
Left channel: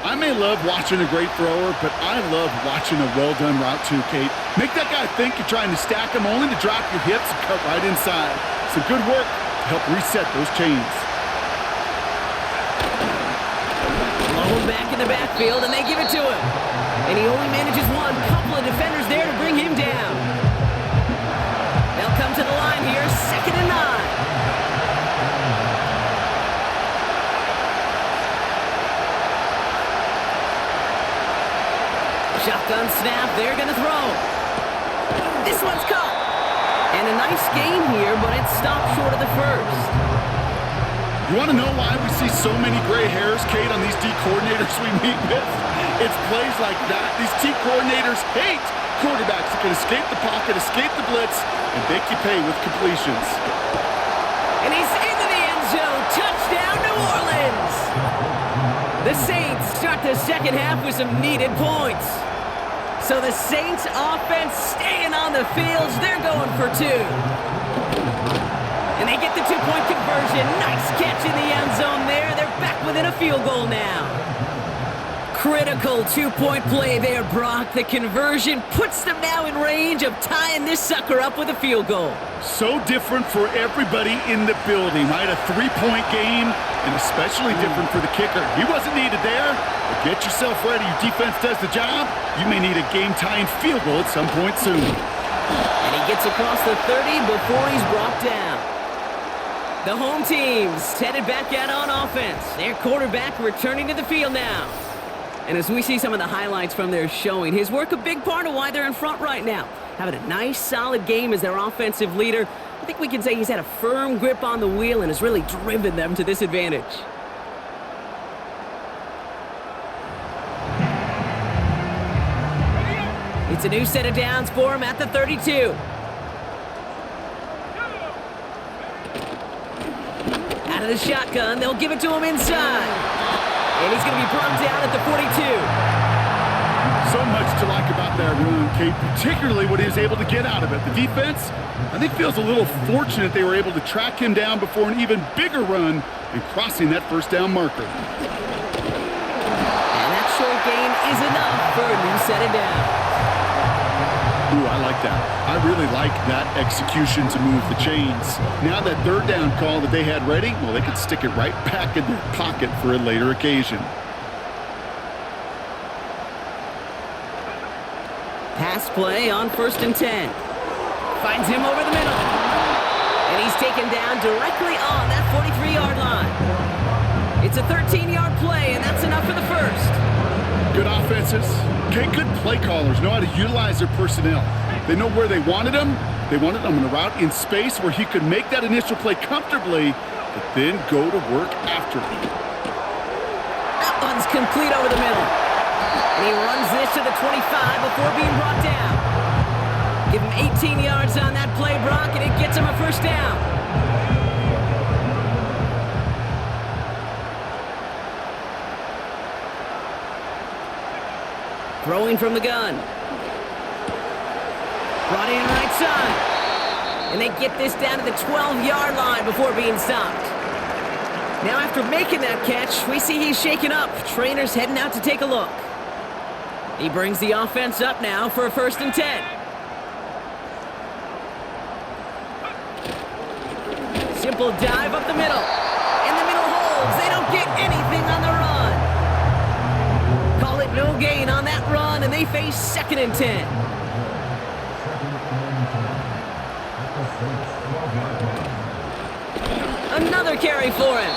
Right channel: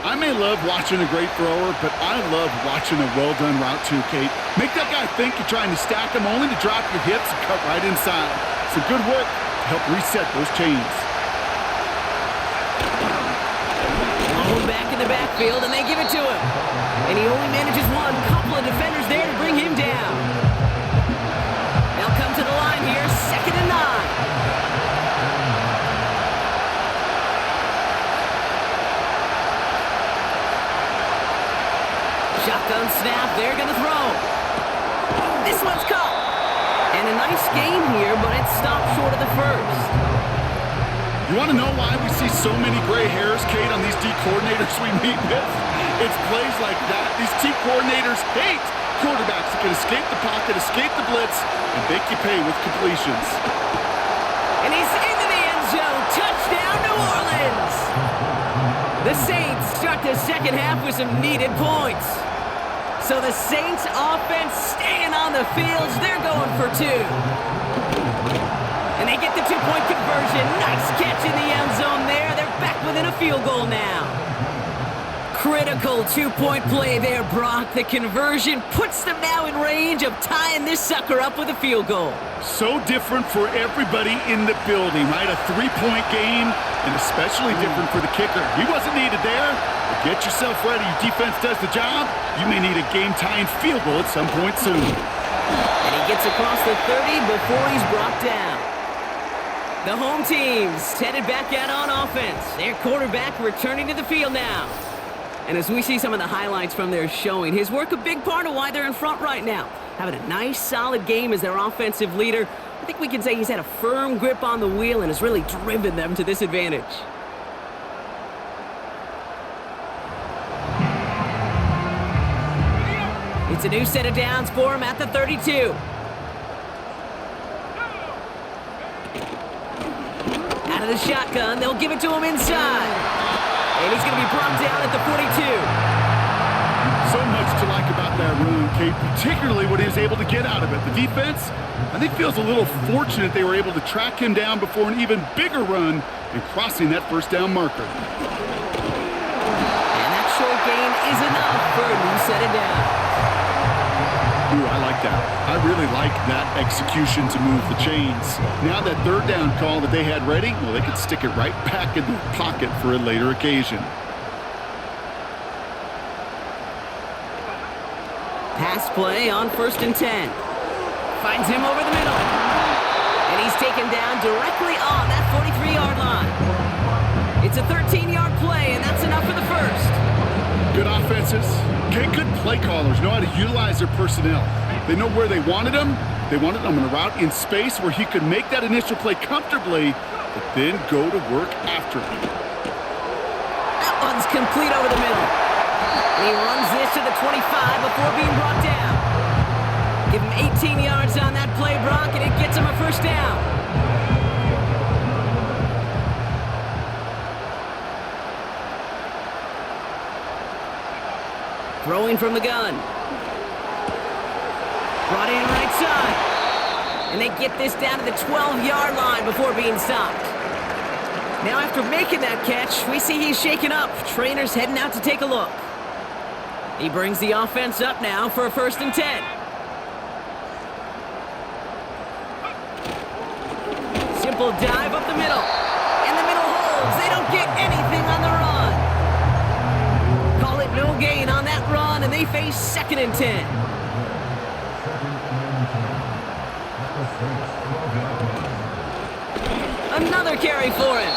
I may love watching a great thrower, but I love watching a well-done route too, Kate. Make that guy think you're trying to stack him only to drop your hips and cut right inside. Some good work to help reset those chains. Blown back in the backfield, and they give it to him. And he only manages one. Couple of defenders there to bring him down. They'll come to the line here, 2nd and 9. Shotgun snap, they're going to throw. This one's caught. And a nice gain here, but it stopped short of the first. You want to know why we see so many gray hairs, Kate, on these D coordinators we meet with? It's plays like that. These D coordinators hate quarterbacks that can escape the pocket, escape the blitz, and make you pay with completions. And he's into the end zone. Touchdown, New Orleans. The Saints start the second half with some needed points. So the Saints offense staying on the fields. They're going for 2. And they get the 2-point conversion. Nice catch in the end zone there. They're back within a field goal now. Critical 2-point play there, Brock. The conversion puts them now in range of tying this sucker up with a field goal. So different for everybody in the building, right? A 3-point game, and especially different for the kicker. He wasn't needed there, but get yourself ready. Your defense does the job. You may need a game-tying field goal at some point soon. And he gets across the 30 before he's brought down. The home team's headed back out on offense. Their quarterback returning to the field now. And as we see some of the highlights from their showing, his work a big part of why they're in front right now. Having a nice, solid game as their offensive leader. I think we can say he's had a firm grip on the wheel and has really driven them to this advantage. It's a new set of downs for him at the 32. Out of the shotgun, they'll give it to him inside. And he's going to be brought down at the 42. So much to like about that run, Kate, particularly what he was able to get out of it. The defense, I think, feels a little fortunate they were able to track him down before an even bigger run and crossing that first down marker. And that short gain is enough for a new set of downs. Ooh, I like that. I really like that execution to move the chains. Now that 3rd down call that they had ready, well, they could stick it right back in their pocket for a later occasion. Pass play on 1st and 10. Finds him over the middle. And he's taken down directly on that 43-yard line. It's a 13-yard play, and that's enough for the first. Good offenses. Okay, good play callers know how to utilize their personnel. They know where they wanted them. They wanted them on a route in space where he could make that initial play comfortably, but then go to work after. That one's complete over the middle. And he runs this to the 25 before being brought down. Give him 18 yards on that play, Brock, and it gets him a first down. Throwing from the gun. Brought in right side. And they get this down to the 12-yard line before being stopped. Now after making that catch, we see he's shaken up. Trainer's heading out to take a look. He brings the offense up now for a 1st and 10. Simple dive up the middle. And the middle holds. They don't get anything on the run. Call it no they face 2nd and 10. Another carry for him.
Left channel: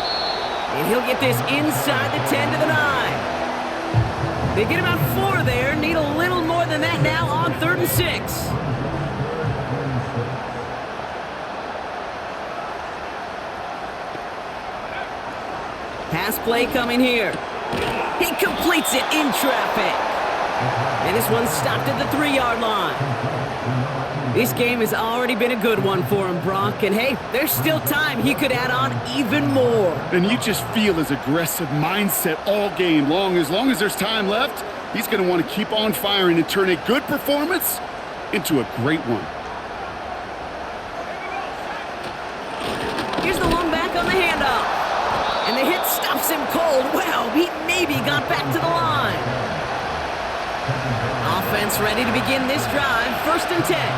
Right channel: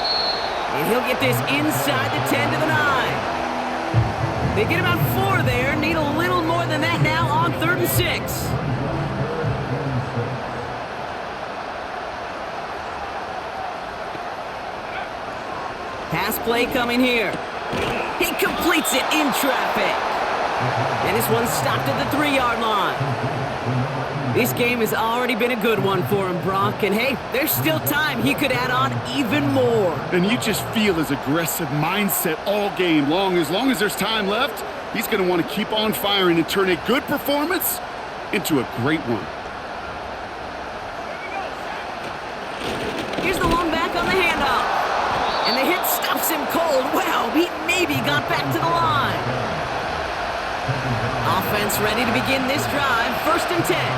And he'll get this inside the 10 to the 9. They get about 4 there. Need a little more than that now on 3rd and 6. Pass play coming here. He completes it in traffic. And this one's stopped at the 3-yard line. This game has already been a good one for him, Brock. And hey, there's still time. He could add on even more. And you just feel his aggressive mindset all game long. As there's time left, he's going to want to keep on firing and turn a good performance into a great one. Here's the long back on the handoff. And the hit stops him cold. Wow, he maybe got back to the line. Offense ready to begin this drive. 1st and 10.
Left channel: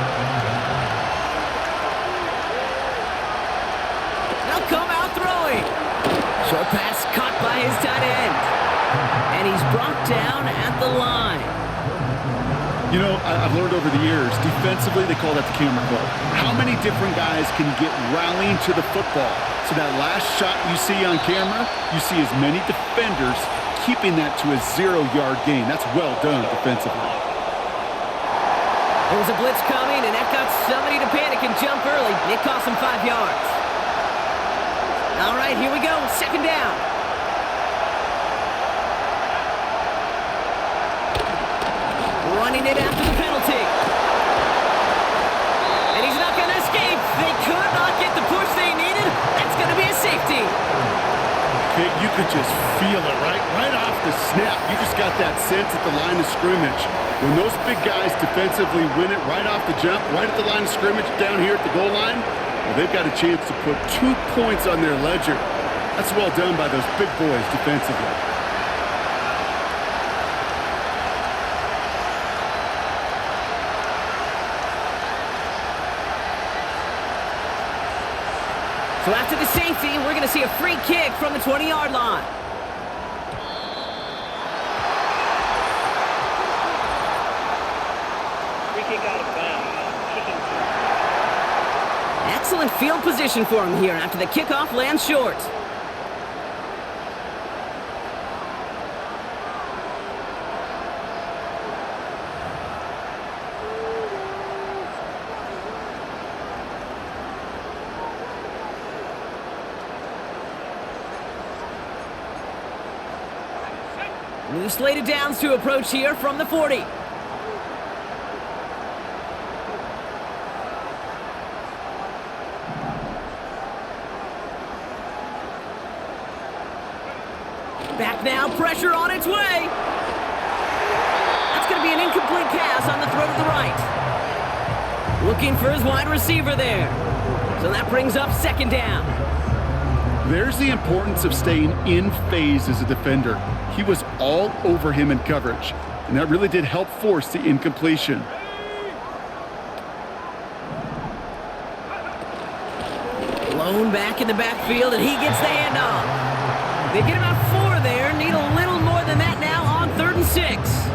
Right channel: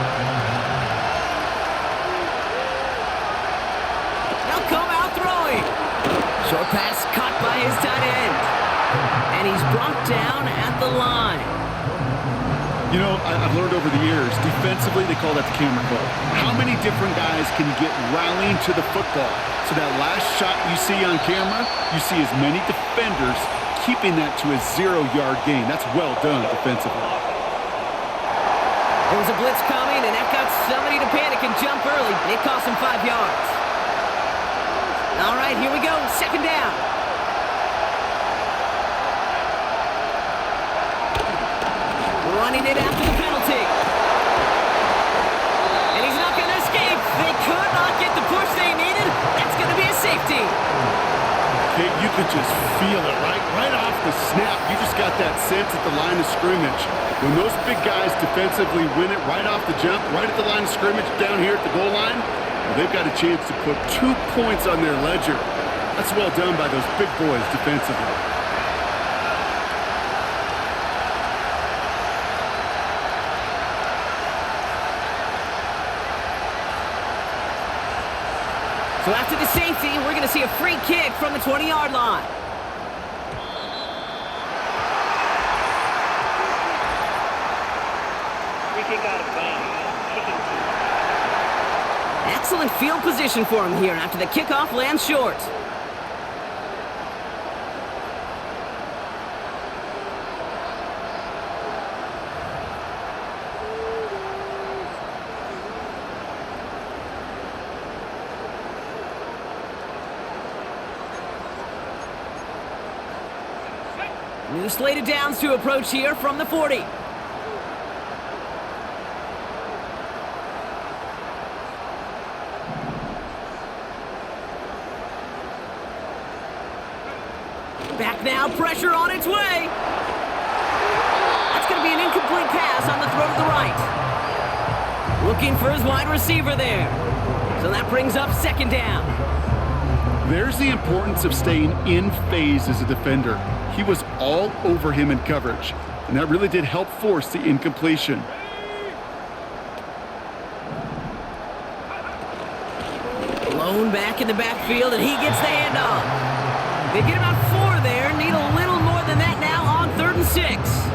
They'll come out throwing. Short pass caught by his tight end. And he's brought down at the line. You know, I've learned over the years, defensively, they call that the camera club. How many different guys can get rallying to the football? So that last shot you see on camera, you see as many defenders keeping that to a 0-yard gain. That's well done defensively. There was a blitz coming, and that got somebody to panic and jump early. It cost him 5 yards. All right, here we go. 2nd down. Running it after the penalty. And he's not going to escape. They could not get the push they needed. That's going to be a safety. Okay, you could just feel it, right? Right off the snap. You just got that sense at the line of scrimmage. When those big guys defensively win it right off the jump, right at the line of scrimmage, down here at the goal line, well, they've got a chance to put 2 points on their ledger. That's well done by those big boys defensively. So after the safety, we're going to see a free kick from the 20-yard line. Free kick out of bounds. Kicking team. Excellent field position for him here after the kickoff lands short. New slated downs to approach here from the 40. Back now, pressure on its way. That's going to be an incomplete pass on the throw to the right. Looking for his wide receiver there. So that brings up 2nd down. There's the importance of staying in phase as a defender. He was all over him in coverage, and that really did help force the incompletion. Blown back in the backfield, and he gets the handoff. They get about 4 there, need a little more than that now on 3rd and 6.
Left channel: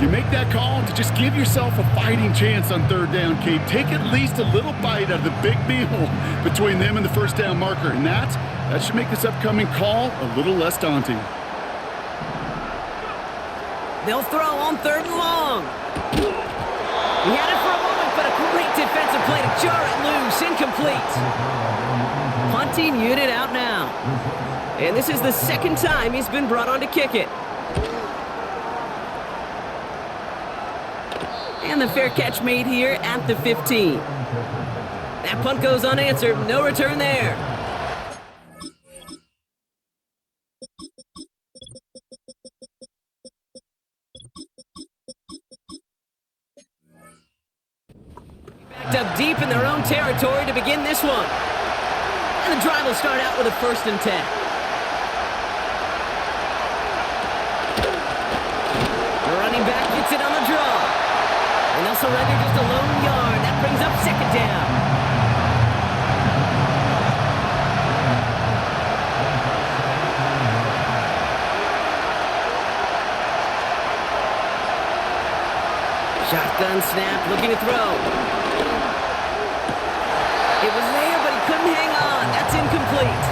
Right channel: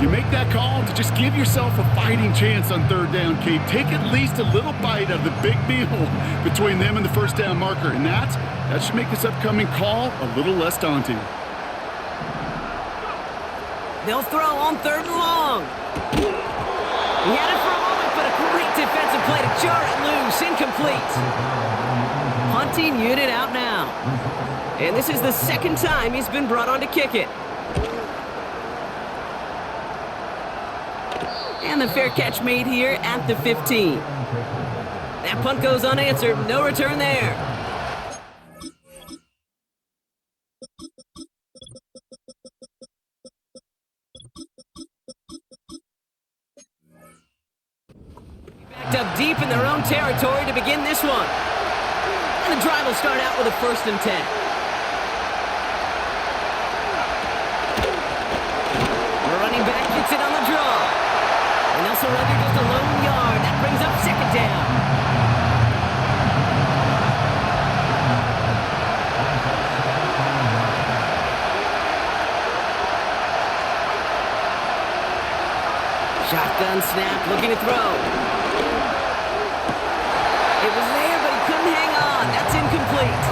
You make that call to just give yourself a fighting chance on 3rd down, Kate. Take at least a little bite out of the big meal between them and the 1st down marker, and that should make this upcoming call a little less daunting. They'll throw on 3rd and long. He had it for a moment, but a great defensive play to jar it loose. Incomplete. Punting unit out now. And this is the 2nd time he's been brought on to kick it. And the fair catch made here at the 15. That punt goes unanswered. No return there. Backed up deep in their own territory to begin this one. And the drive will start out with a 1st and 10. The running back gets it on the draw. And they'll surrender just a lone yard. That brings up 2nd down. Shotgun snap, looking to throw. It was there, but he couldn't hang on. That's incomplete.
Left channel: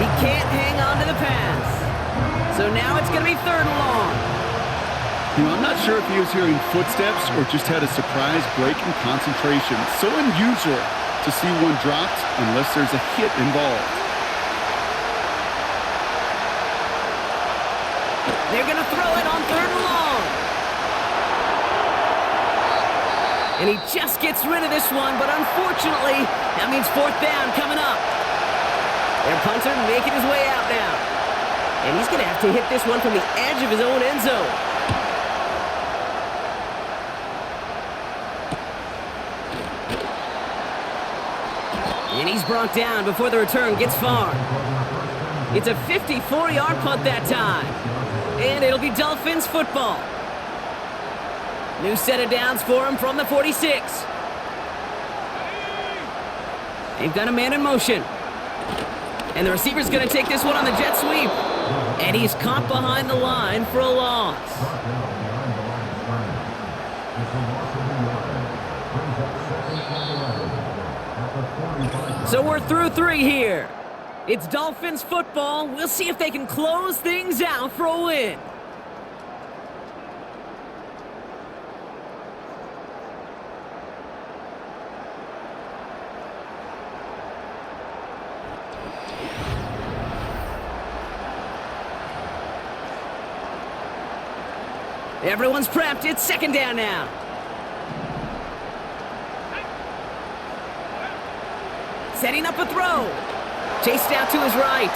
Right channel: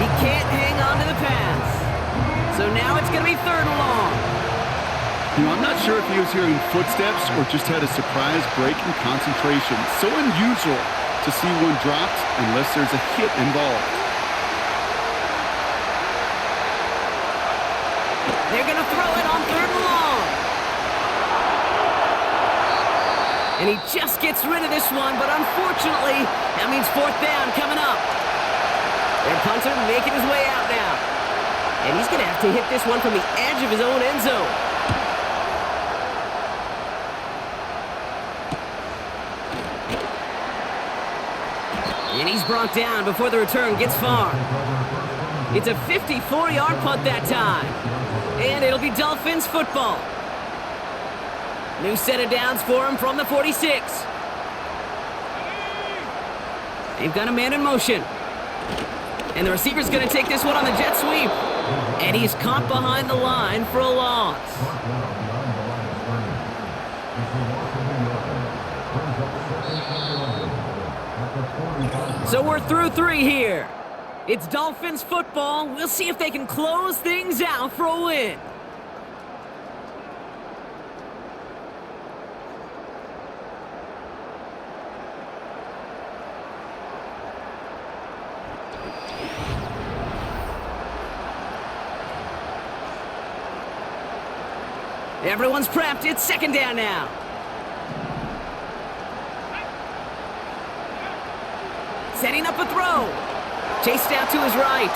He can't hang on to the pass. So now it's going to be 3rd and long. You know, I'm not sure if he was hearing footsteps or just had a surprise break in concentration. So unusual to see one dropped unless there's a hit involved. They're going to throw it on 3rd and long. And he just gets rid of this one, but unfortunately, that means 4th down coming up. Their punter making his way out now. And he's going to have to hit this one from the edge of his own end zone. And he's brought down before the return gets far. It's a 54-yard punt that time. And it'll be Dolphins football. New set of downs for him from the 46. They've got a man in motion. And the receiver's going to take this one on the jet sweep. And he's caught behind the line for a loss. So we're through 3 here. It's Dolphins football. We'll see if they can close things out for a win. Everyone's prepped. It's 2nd down now. Setting up a throw. Chased out to his right.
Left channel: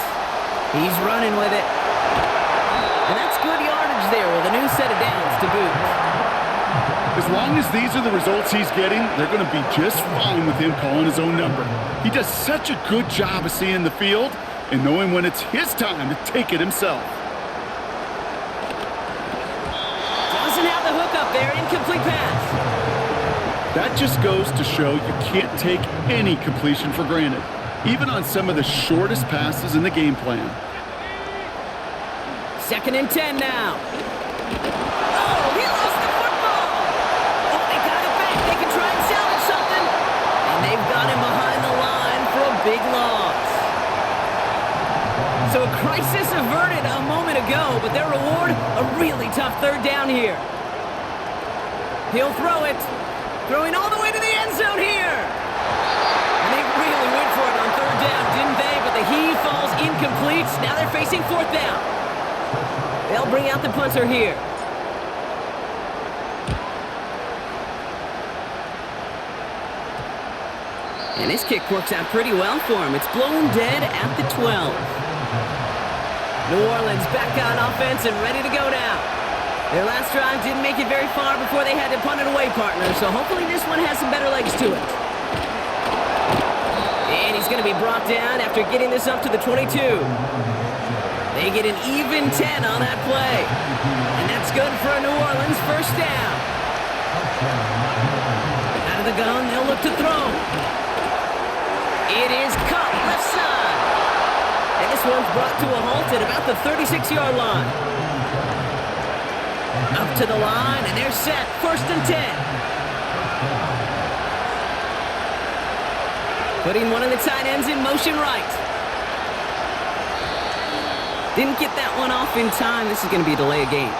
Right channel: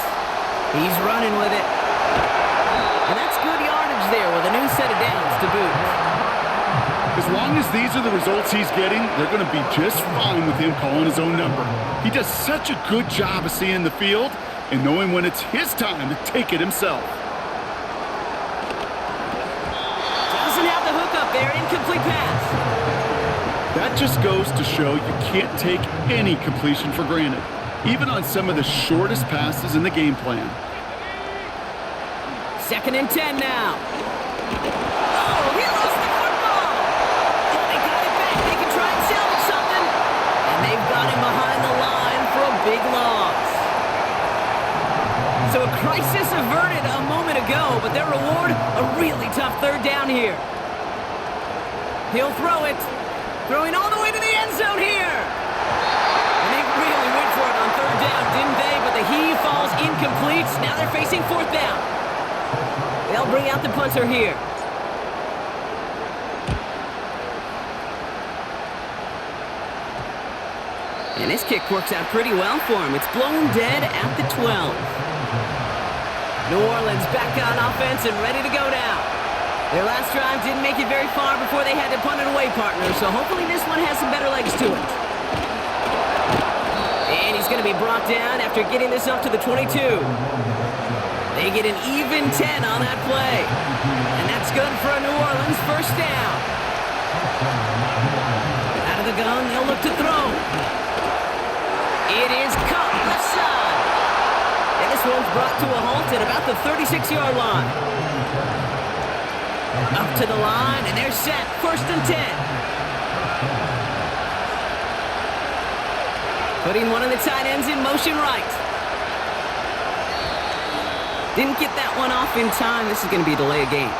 He's running with it. And that's good yardage there with a new set of downs to boot. As long as these are the results he's getting, they're going to be just fine with him calling his own number. He does such a good job of seeing the field and knowing when it's his time to take it himself. Doesn't have the hook up there. Incomplete pass. That just goes to show you can't take any completion for granted, even on some of the shortest passes in the game plan. 2nd and 10 now. Oh, he lost the football. Oh, they got it back. They can try and salvage something. And they've got him behind the line for a big loss. So a crisis averted a moment ago, but their reward, a really tough 3rd down here. He'll throw it. Throwing all the way to the end zone here. And they really went for it on 3rd down, didn't they? But the heave falls incomplete. Now they're facing 4th down. They'll bring out the punter here. And this kick works out pretty well for him. It's blown dead at the 12. New Orleans back on offense and ready to go now. Their last drive didn't make it very far before they had to punt it away, partner. So hopefully this one has some better legs to it. And he's going to be brought down after getting this up to the 22. They get an even 10 on that play. And that's good for a New Orleans 1st down. Out of the gun, they'll look to throw. It is caught left side. And this one's brought to a halt at about the 36-yard line. Up to the line, and they're set. 1st and 10. Putting one of the tight ends in motion right. Didn't get that one off in time. This is going to be a delay of game.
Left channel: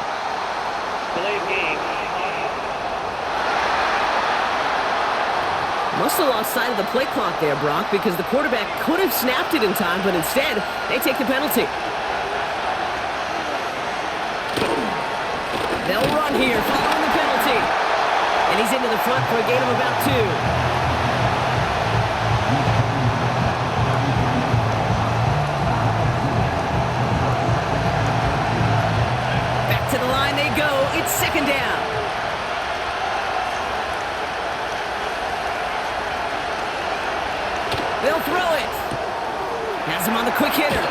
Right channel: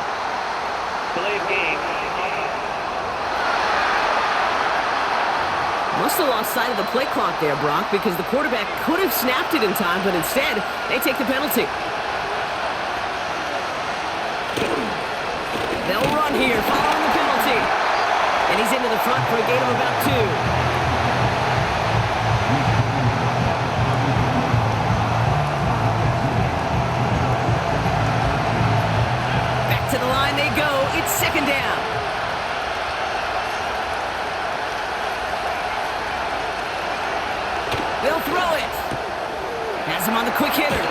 Delay of game. Must have lost sight of the play clock there, Brock, because the quarterback could have snapped it in time, but instead, they take the penalty. They'll run here following the penalty. And he's into the front for a gain of about 2. Back to the line they go. It's 2nd down. They'll throw it. Has him on the quick hitter.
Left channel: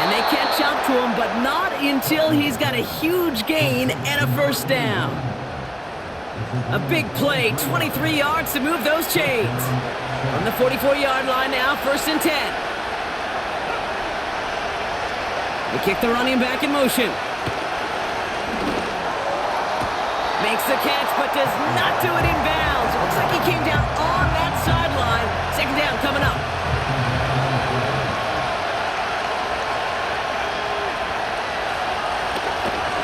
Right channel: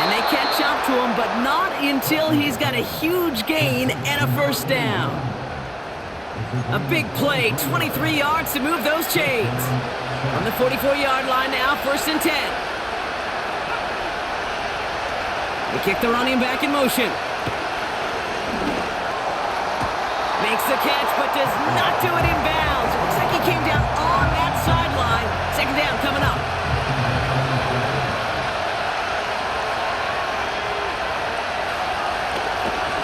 And they catch up to him, but not until he's got a huge gain and a 1st down. A big play, 23 yards to move those chains. From the 44-yard line now, 1st and 10. They kick the running back in motion. Makes the catch, but does not do it in bounds. It looks like he came down on that sideline. Second down coming up.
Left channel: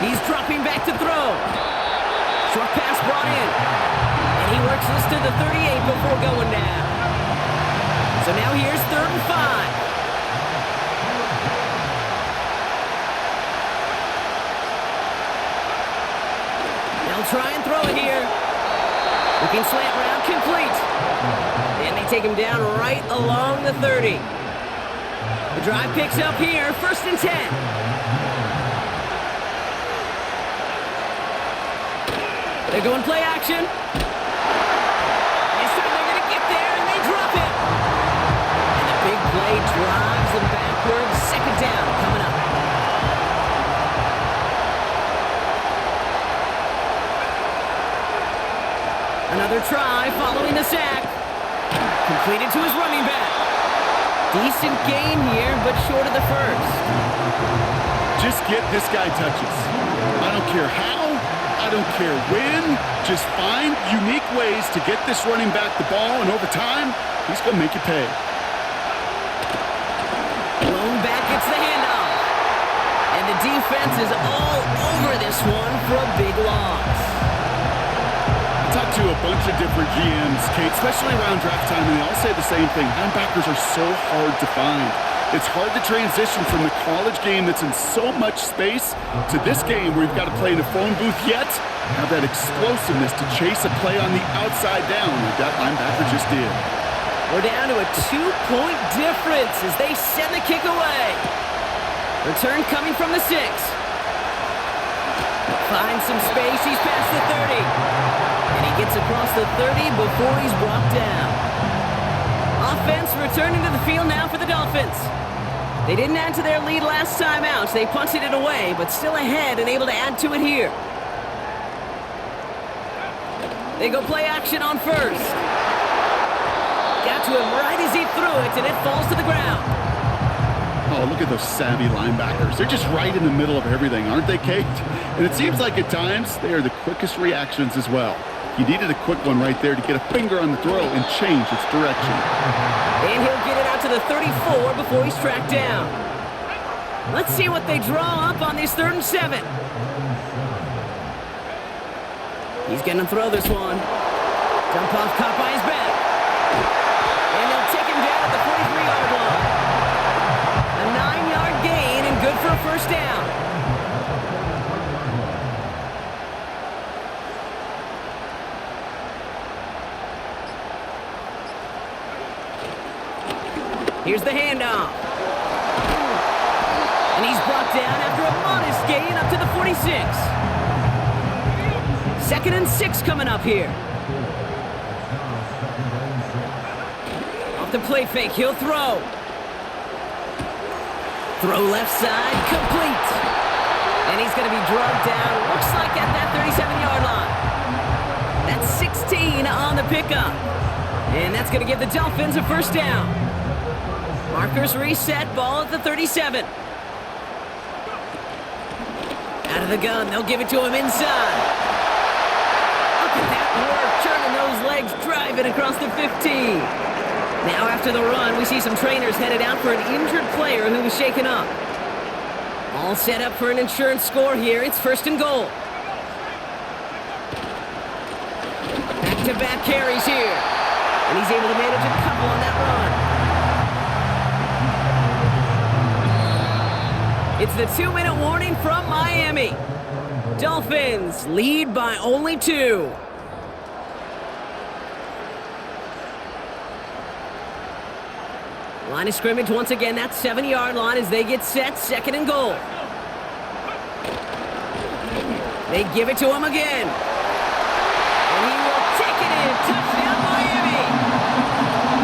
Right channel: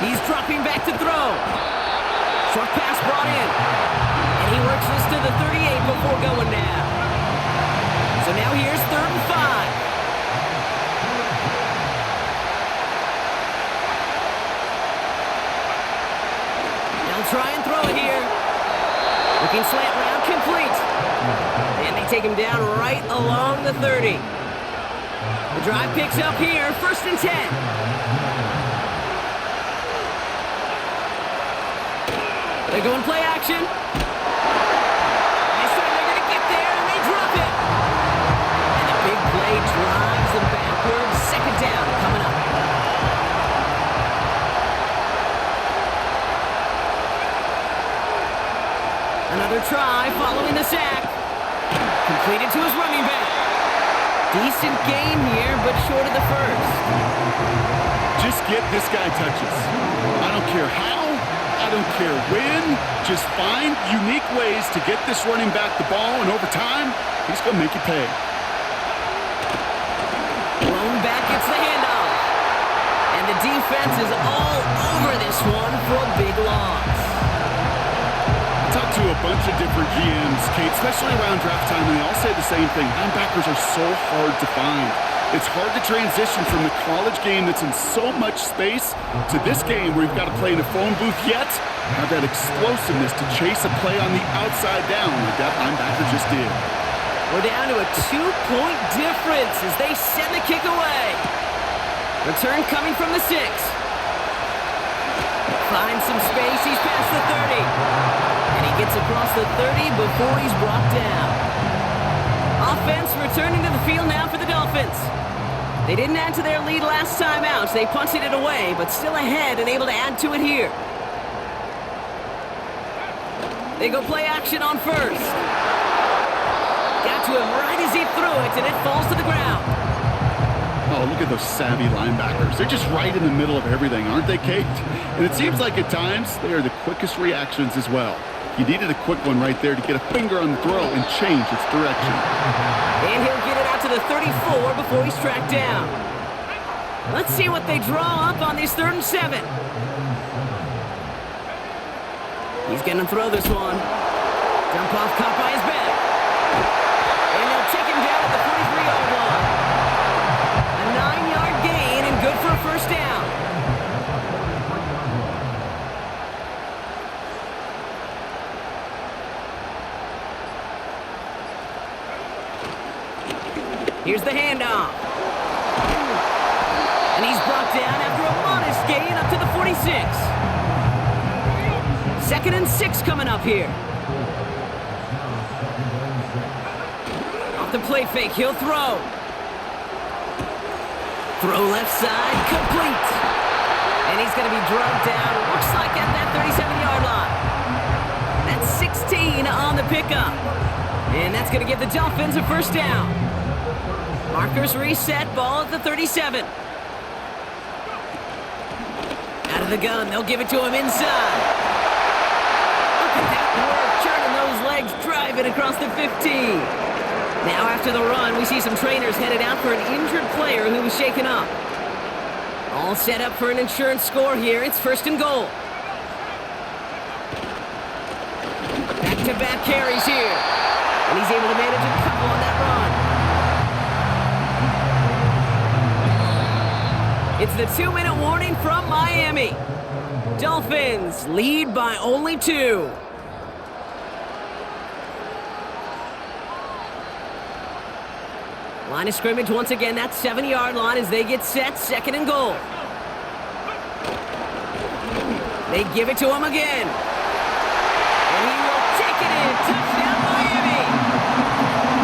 He's dropping back to throw. Short pass brought in. And he works this to the 38 before going down. So now here's 3rd and 5. They'll try and throw it here. Looking slant route, complete. And they take him down right along the 30. The drive picks up here, 1st and 10. They're going play action. This time they're going to get there, and they drop him. And the big play drives them backwards. Second down coming up. Another try following the sack. Completed to his running back. Decent gain here, but short of the first. Just get this guy touches. I don't care how, I don't care when. Just find unique ways to get this running back the ball, and over time, he's going to make you pay. Blown back gets the handoff. And the defense is all over this one for a big loss. I talked to a bunch of different GMs, Kate, especially around draft time, and they all say the same thing. Linebackers are so hard to find. It's hard to transition from the college game that's in so much space to this game where you've got to play in a phone booth, yet have that explosiveness to chase a play on the outside down like that linebacker just did. We're down to a 2-point difference as they send the kick away. Return coming from the 6. Finds some space, he's past the 30. And he gets across the 30 before he's brought down. Offense returning to the field now for the Dolphins. They didn't add to their lead last time out. They punted it away, but still ahead and able to add to it here. They go play action on 1st. Got to him right as he threw it, and it falls to the ground. Oh, look at those savvy linebackers. They're just right in the middle of everything, aren't they, Kate? And it seems like at times they are the quickest reactions as well. You needed a quick one right there to get a finger on the throw and change its direction. And he'll get it out to the 34 before he's tracked down. Let's see what they draw up on this 3rd and 7. He's going to throw this one. Jump off caught by his back. And they'll take him down at the 43-yard line. A 9-yard gain and good for a 1st down. Here's the handoff. And he's brought down after a modest gain up to the 46. 2nd and 6 coming up here. Off the play fake, he'll throw. Throw left side, complete. And he's going to be drugged down, looks like at that 37-yard line. That's 16 on the pickup. And that's going to give the Dolphins a 1st down. Markers reset, ball at the 37. Out of the gun, they'll give it to him inside. Look at that work, turning those legs, driving across the 15. Now after the run, we see some trainers headed out for an injured player who was shaken up. All set up for an insurance score here. It's 1st and goal. Back-to-back carries here. And he's able to manage a couple on that run. It's the 2-minute warning from Miami. Dolphins lead by only 2. Line of scrimmage once again, that 7-yard line as they get set, 2nd and goal. They give it to him again. And he will take it in. Touchdown Miami.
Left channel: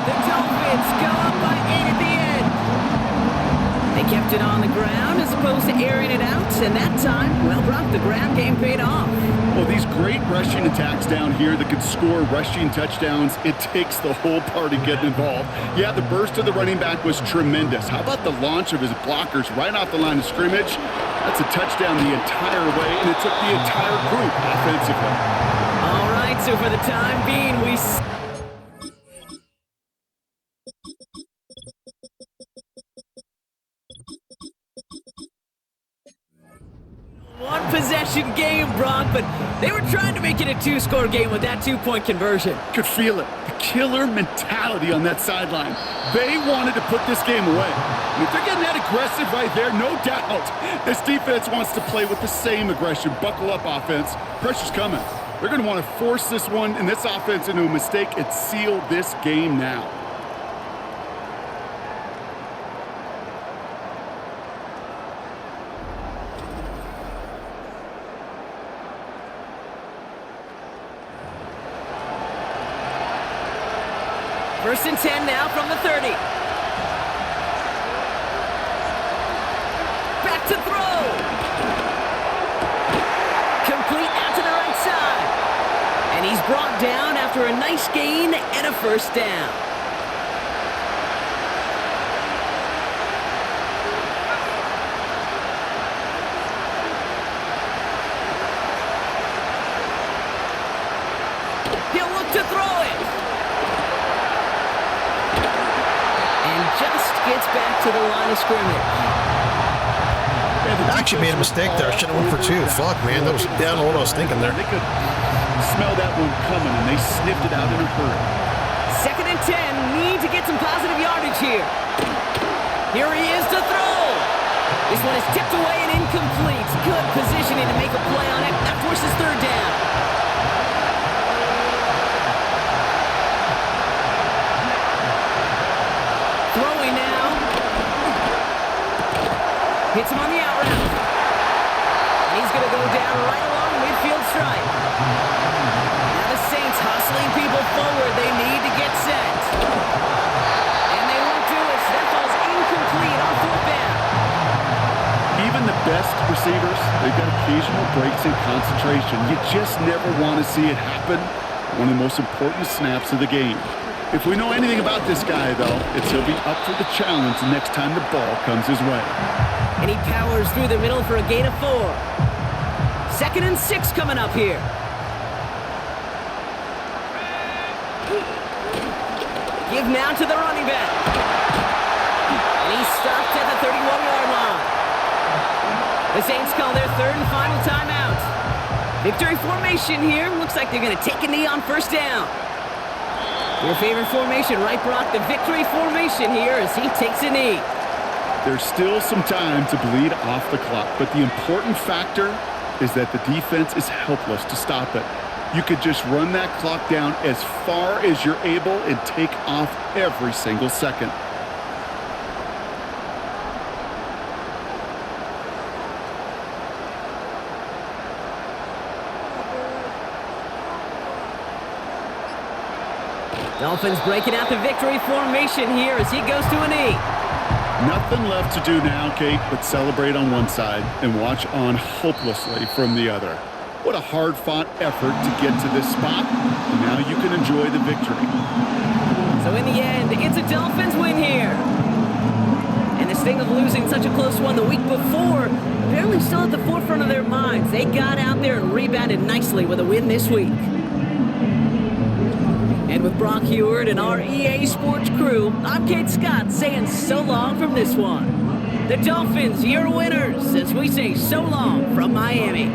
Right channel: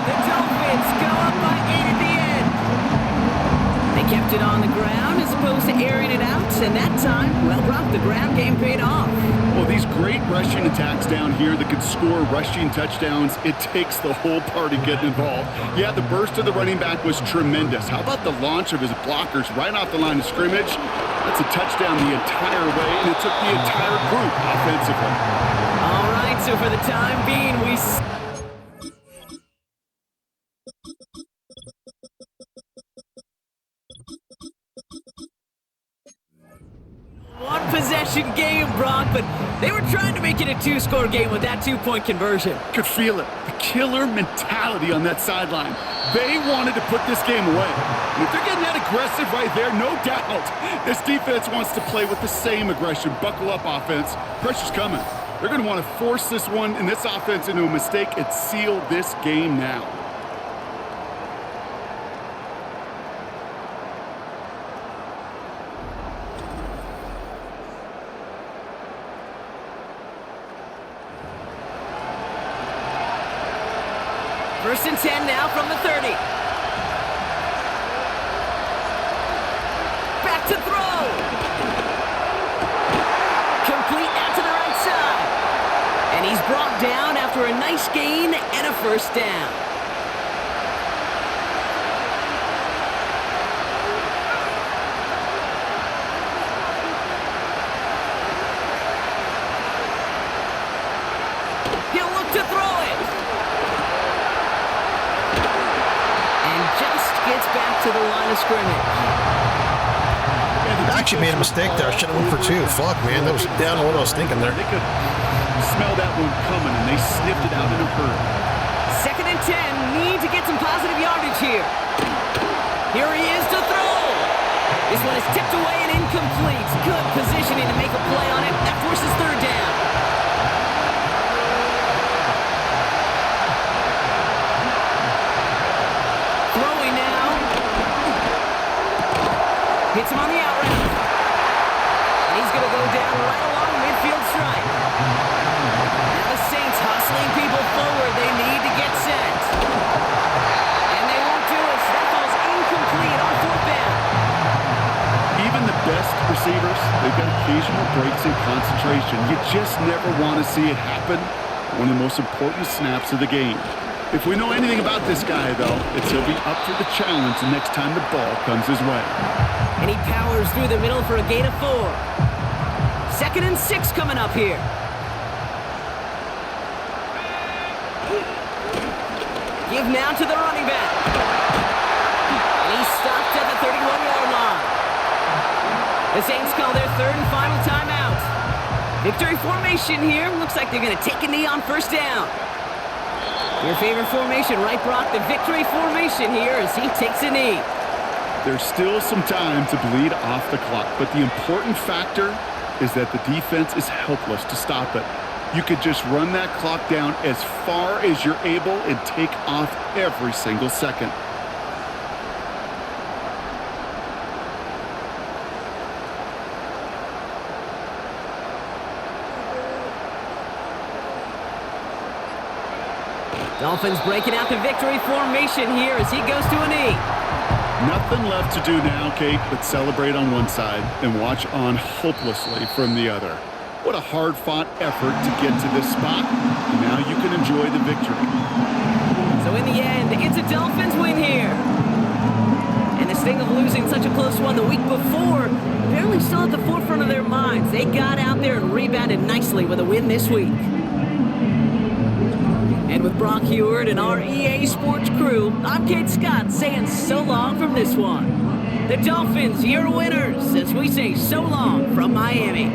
The Dolphins go up by 8 at the end. They kept it on the ground as opposed to airing it out, and that time, well, Brock, the ground game paid off. Well, these great rushing attacks down here that could score rushing touchdowns, it takes the whole party getting involved. Yeah, the burst of the running back was tremendous. How about the launch of his blockers right off the line of scrimmage? That's a touchdown the entire way, and it took the entire group offensively. All right, so for the time being, one possession game, Brock, but they were trying to make it a two-score game with that two-point conversion. Could feel it. The killer mentality on that sideline. They wanted to put this game away. And if they're getting that aggressive right there, no doubt this defense wants to play with the same aggression. Buckle up, offense. Pressure's coming. They're going to want to force this one and this offense into a mistake and seal this game now. First and 10 now from the 30. Back to throw. Complete out to the right side. And he's brought down after a nice gain and a first down. He'll look to throw it. And just gets back to the line of scrimmage. I actually made a mistake there. I should have went for two. Fuck, man. That was down to what I was thinking there. They could smell that one coming, and they sniffed it out in a hurry. Second and 10. Need to get some positive yardage here. Here he is to throw. This one is tipped away and incomplete. Good positioning to make a play on it. That forces third down. Throwing now. Hits him on the out route. And he's going to go down right along the midfield stripe. Now the Saints hustling people forward. They need to get set. And they won't do it. So that falls incomplete on fourth down. Even the best receivers, they've got occasional breaks in concentration. You just never want to see it happen. One of the most important snaps of the game. If we know anything about this guy, though, it's he'll be up for the challenge the next time the ball comes his way. And he powers through the middle for a gain of 4. Second and 6 coming up here. Give now to the running back. And he's stopped at the 31-yard line. The Saints call their third and final timeout. Victory formation here. Looks like they're going to take a knee on first down. Your favorite formation, right, Brock? The victory formation here as he takes a knee. There's still some time to bleed off the clock, but the important factor is that the defense is helpless to stop it. You could just run that clock down as far as you're able and take off every single second. Dolphins breaking out the victory formation here as he goes to a knee. Nothing left to do now, Kate, but celebrate on one side and watch on hopelessly from the other. What a hard-fought effort to get to this spot, and now you can enjoy the victory. So in the end, it's a Dolphins win here. And the sting of losing such a close one the week before, apparently still at the forefront of their minds. They got out there and rebounded nicely with a win this week. And with Brock Heward and our EA Sports crew, I'm Kate Scott saying so long from this one. The Dolphins, your winners, as we say so long from Miami.